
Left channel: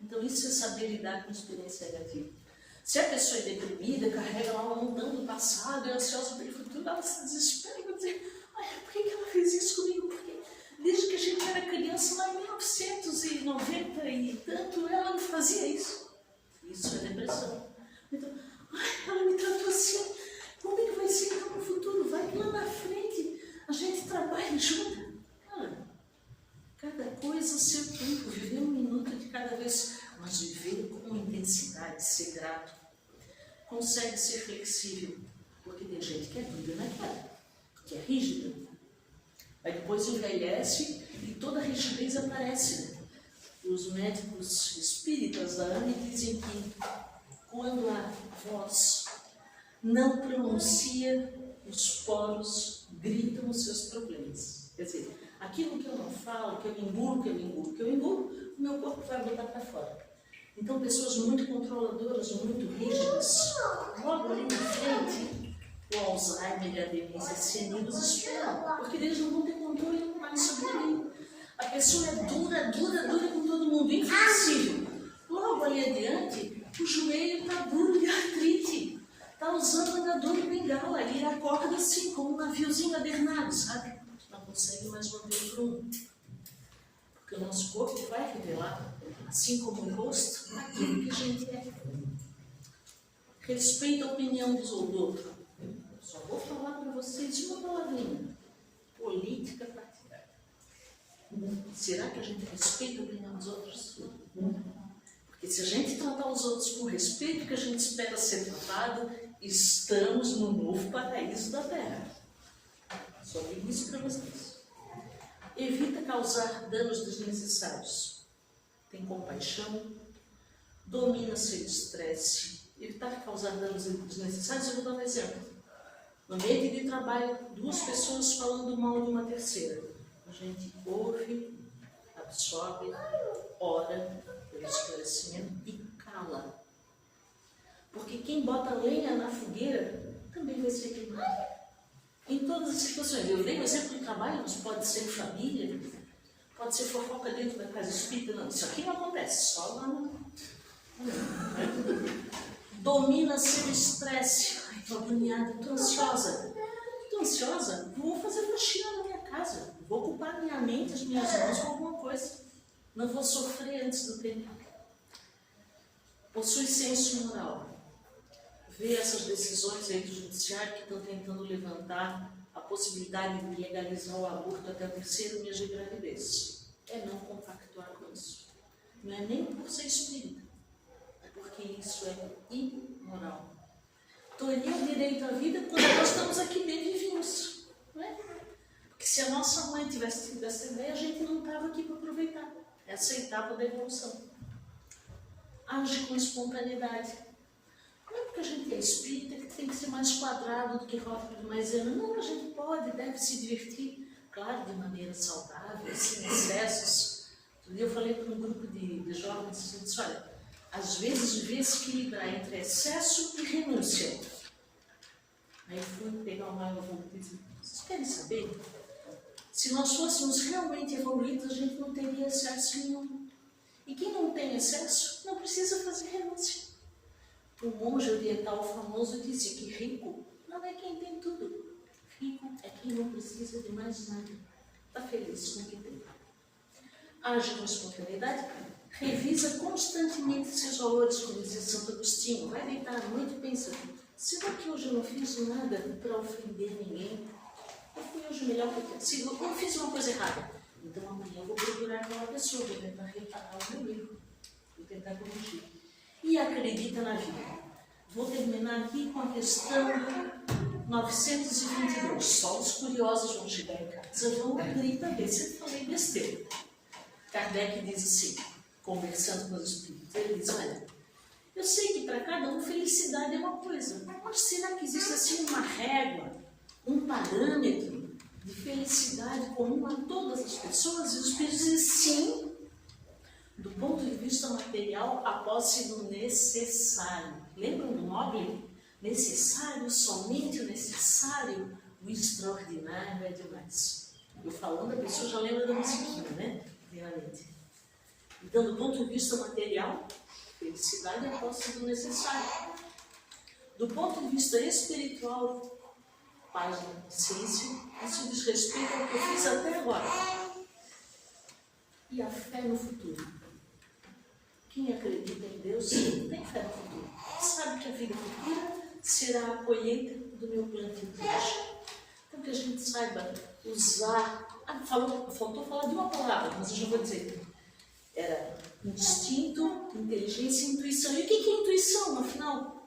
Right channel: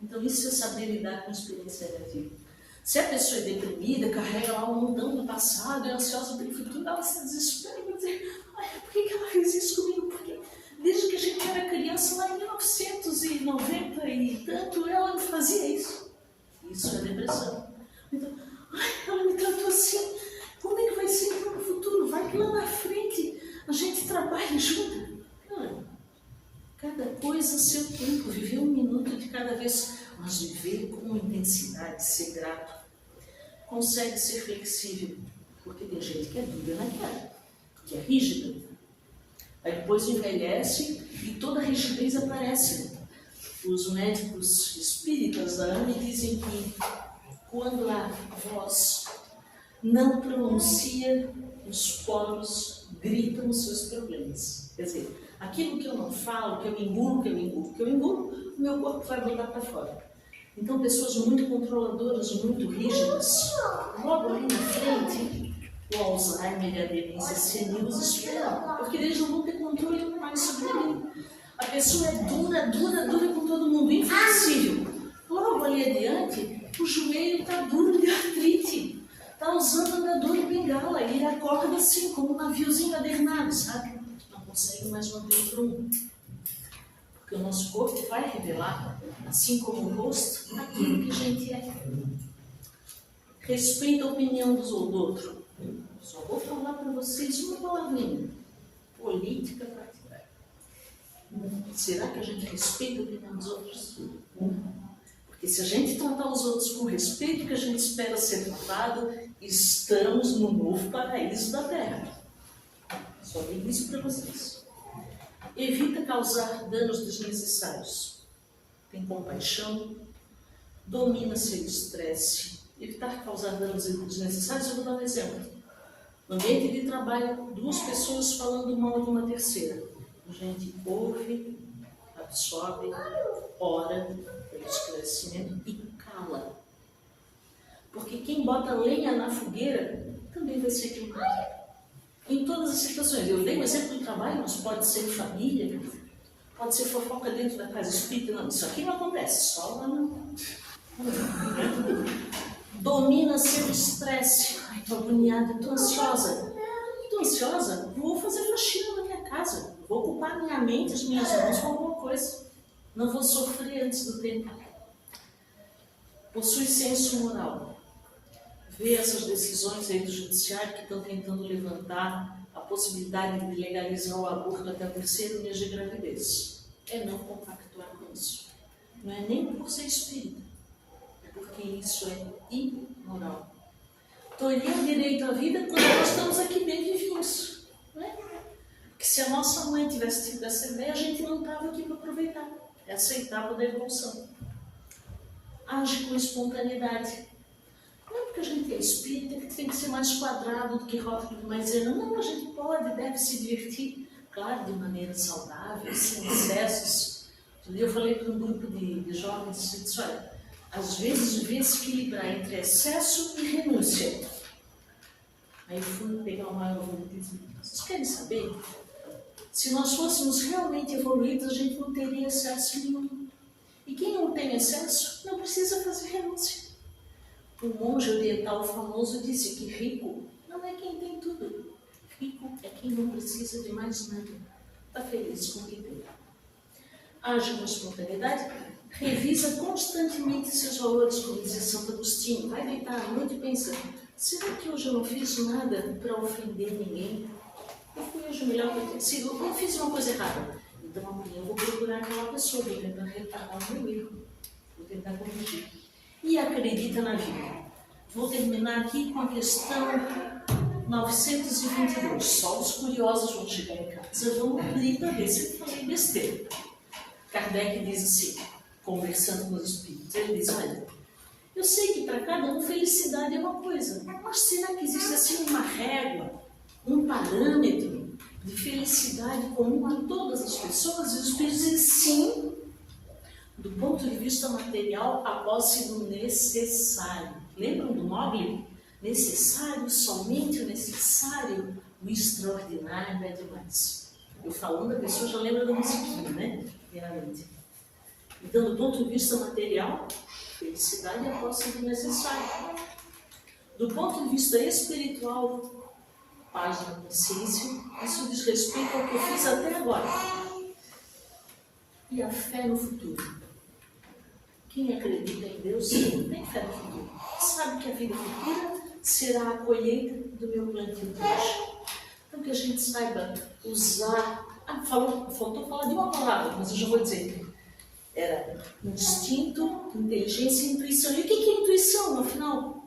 Então, isso é saber lidar com a experiência negativa. Se a pessoa é deprimida, carrega lá um montão do passado, é ansiosa pelo futuro, ela se desespera e vai dizer: ai, por que ela fez isso comigo? Porque desde que a gente era criança, lá em 1990 e tanto, ela não fazia isso. Isso é depressão. Então, ai, ela me tratou assim, como é que vai ser então no futuro? Vai que lá na frente a gente trabalha junto. Cada coisa a seu tempo, viver 1 minuto de cada vez, mas viver com intensidade, ser grato. Consegue ser flexível, porque tem gente que é dura na cara, que é rígida. Aí depois envelhece e toda a rigidez aparece. Os médicos espíritas da AME dizem que quando a voz não pronuncia, os poros gritam os seus problemas. Quer dizer, aquilo que eu não falo, que eu engulo, o meu corpo vai botar para fora. Então, pessoas muito controladoras, muito rígidas, logo ali na frente, o Alzheimer e a demência senil os esperam, porque eles não vão ter controle mais sobre ninguém. A pessoa é dura com todo mundo, inflexível. Logo ali adiante, o joelho está duro de artrite, está usando andador e bengala. cala e ele acorda assim, como um naviozinho adernado, sabe? Não consegue mais manter o prumo. Porque o nosso corpo vai revelar, assim como o rosto, aquilo que a gente é. Respeita a opinião do outro. Só vou falar para vocês uma palavrinha. Política partidária. Será que a gente respeita a opinião dos outros? Porque se a gente tratar os outros com o respeito que a gente espera ser tratado, estamos no novo paraíso da Terra. Só digo isso para vocês. Evita causar danos desnecessários. Tem compaixão. Domina seu estresse. Evitar causar danos desnecessários, eu vou dar um exemplo. No ambiente de trabalho, 2 pessoas falando mal de uma terceira. A gente ouve, absorve, ora pelo esclarecimento e cala. Porque quem bota lenha na fogueira também vai ser queimado. Em todas as situações. Eu dei um exemplo do trabalho, mas pode ser família, pode ser fofoca dentro da casa espírita. Não, isso aqui não acontece, só lá não. Domina seu estresse. Ai, estou agoniada, estou ansiosa. Estou ansiosa? Vou fazer faxina na minha casa. Vou ocupar minha mente, as minhas mãos com alguma coisa. Não vou sofrer antes do tempo. Possui senso moral. Vê essas decisões aí do judiciário que estão tentando levantar a possibilidade de legalizar o aborto até o 3º mês de gravidez. É não compactuar com isso. Não é nem por ser espírita. Porque isso é imoral. Tolher o direito à vida quando nós estamos aqui bem vivinhos. Não é? Porque se a nossa mãe tivesse tido essa ideia, a gente não estava aqui para aproveitar. Essa é a etapa da evolução. Age com espontaneidade. Não é porque a gente é espírita que tem que ser mais quadrado do que rótulo mais ano. Não, a gente pode, deve se divertir. Claro, de maneira saudável, sem excessos. Eu falei para um grupo de jovens e disse, olha, às vezes devia se equilibrar entre excesso e renúncia. Aí eu fui pegar uma água e disse, vocês querem saber? Se nós fôssemos realmente evoluídos, a gente não teria excesso nenhum. E quem não tem excesso, não precisa fazer renúncia. O monge oriental famoso disse que rico não é quem tem tudo. Rico é quem não precisa de mais nada. Está feliz com o que tem. Age com espontaneidade. Revisa constantemente seus valores, como dizia Santo Agostinho. Vai deitar à noite e pensa, será que hoje eu não fiz nada para ofender ninguém? Eu fui hoje melhor que eu tenho sido. Eu não fiz uma coisa errada. Então amanhã eu vou procurar aquela pessoa, vou tentar reparar o meu erro. Vou tentar corrigir. E acredita na vida. Vou terminar aqui com a questão 922. Só os curiosos vão chegar em casa. Vamos abrir para ver se eu falei besteira. Kardec diz assim, conversando com os espíritos, ele diz, olha, eu sei que para cada um felicidade é uma coisa, mas será que existe assim uma régua, um parâmetro de felicidade comum a todas as pessoas? E os espíritos dizem sim, do ponto de vista material, a posse do necessário. Lembram do Mogli? Necessário, somente o necessário, o extraordinário é demais. Eu falando, a pessoa já lembra da musiquinha, né? Realmente. Então, do ponto de vista material, felicidade é a posse do necessário. Do ponto de vista espiritual, paz na consciência, isso diz respeito ao que eu fiz até agora. E a fé no futuro. Quem acredita em Deus tem fé no futuro. Sabe que a vida futura será a colheita do meu plantio de hoje. Então, que a gente saiba usar. Faltou falar de uma palavra, mas eu já vou dizer. Era instinto, inteligência e intuição. E o que é intuição, afinal?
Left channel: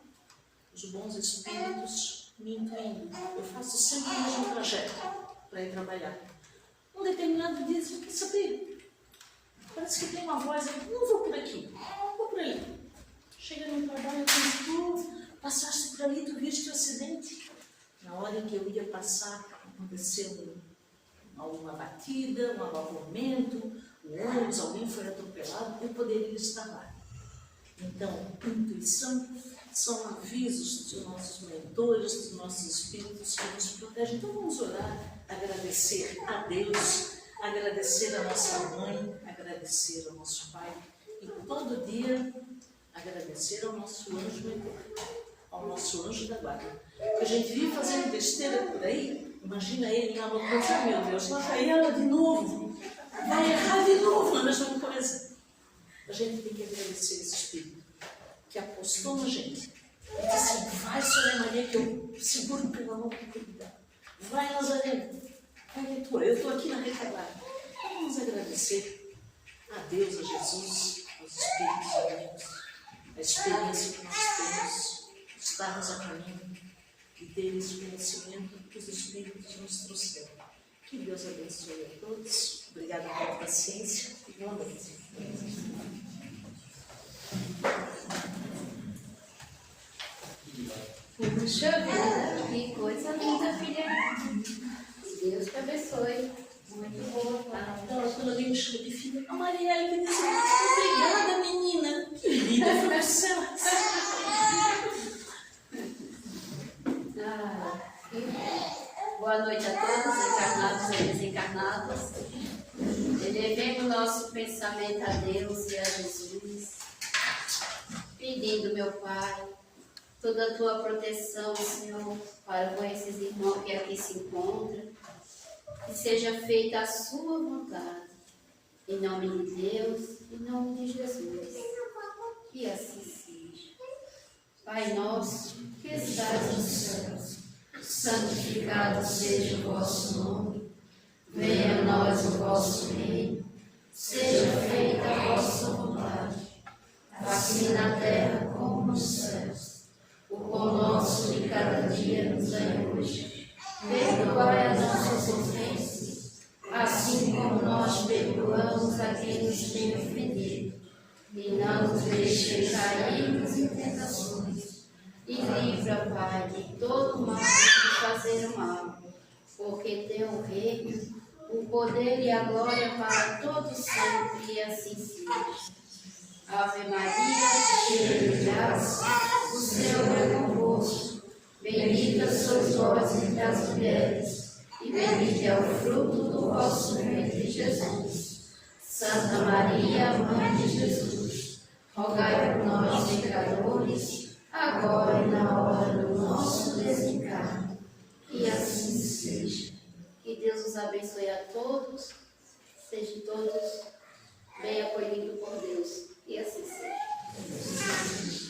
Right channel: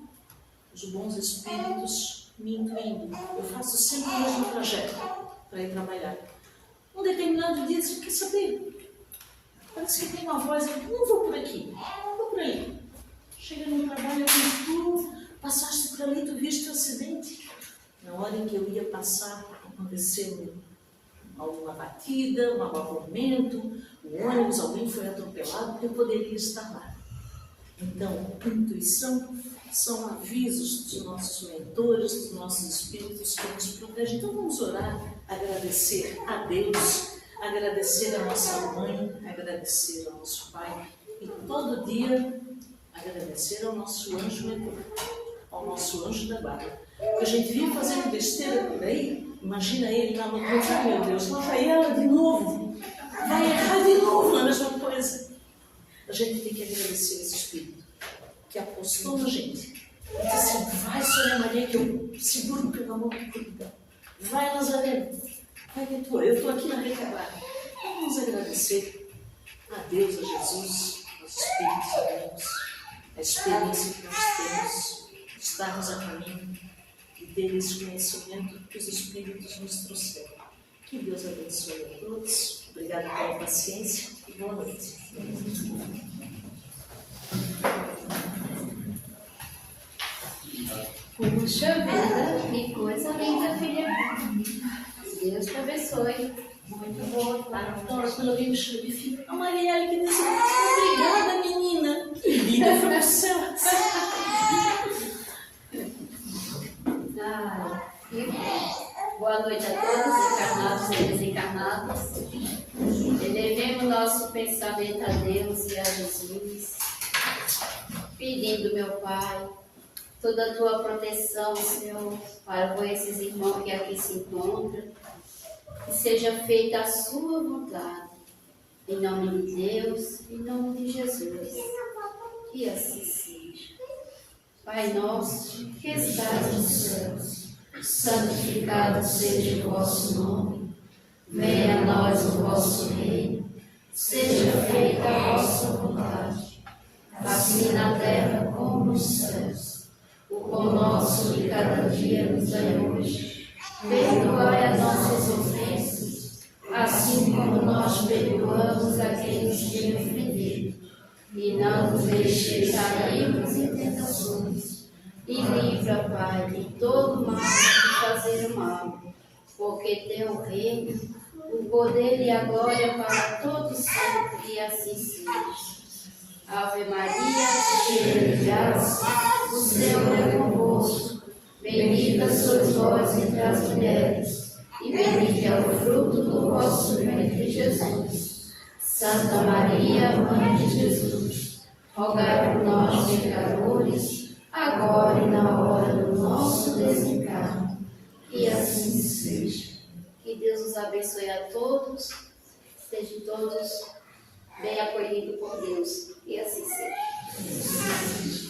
Os bons espíritos me intuindo. Eu faço sempre o mesmo trajeto para ir trabalhar. Um determinado dia, você quer saber? Parece que tem uma voz, não vou por aqui, vou por ali. Chega no trabalho, eu digo, tu passaste por ali, tu viste o acidente. Na hora em que eu ia passar, aconteceu alguma batida, um abalamento, o ônibus, alguém foi atropelado, eu poderia estar lá. Então, intuição são avisos dos nossos mentores, dos nossos espíritos que nos protegem. Então vamos orar, agradecer a Deus, agradecer a nossa mãe, agradecer ao nosso pai e todo dia agradecer ao nosso anjo mentor, ao nosso anjo da guarda. A gente vive fazendo besteira por aí. Imagina ele lá no canto, oh, meu Deus, lá vai ela de novo. Vai errar de novo na mesma coisa. A gente tem que agradecer esse Espírito que apostou na gente. E disse assim, vai, Sônia Maria, que eu seguro pelo amor de Deus. Vai, Nazaré. Vai que eu estou aqui na retaguarda. Vamos agradecer a Deus, a Jesus, aos Espíritos de Deus, a experiência que nós temos de estarmos a caminho e ter esse conhecimento que os Espíritos nos trouxeram. Que Deus abençoe a todos. Obrigada pela paciência e boa noite. Puxa vida, que coisa linda, filha. Deus te abençoe. Muito boa, claro. Então, quando alguém me chama de filho, a Marielle que disse, obrigada, menina. Que linda foi o céu. Boa noite a todos, encarnados e desencarnados. Elevemos nosso pensamento a Deus e a Jesus, pedindo, meu Pai, toda a tua proteção, Senhor, para com esses irmãos que aqui se encontram, que seja feita a sua vontade, em nome de Deus, em nome de Jesus, que assim seja. Pai nosso, que estás nos céus, santificado seja o vosso nome, venha a nós o vosso reino, seja feita a vossa vontade, assim na terra como nos céus. O pão nosso de cada dia nos dai hoje. Perdoai as nossas ofensas, assim como nós perdoamos a quem nos tem ofendido. E não nos deixeis cairmos em tentações. E livra, Pai, de todo mal de fazer o mal. Porque teu o reino, o poder e a glória para todos sempre, e assim seja. Ave Maria, cheia de graça, o Senhor é convosco. Bendita sois vós entre as mulheres, e bendito é o fruto do vosso ventre, Jesus. Santa Maria, Mãe de Jesus, rogai por nós, pecadores, agora e na hora do nosso desencarne. Que assim seja. Que Deus os abençoe a todos, sejam todos bem acolhidos por Deus. E assim seja.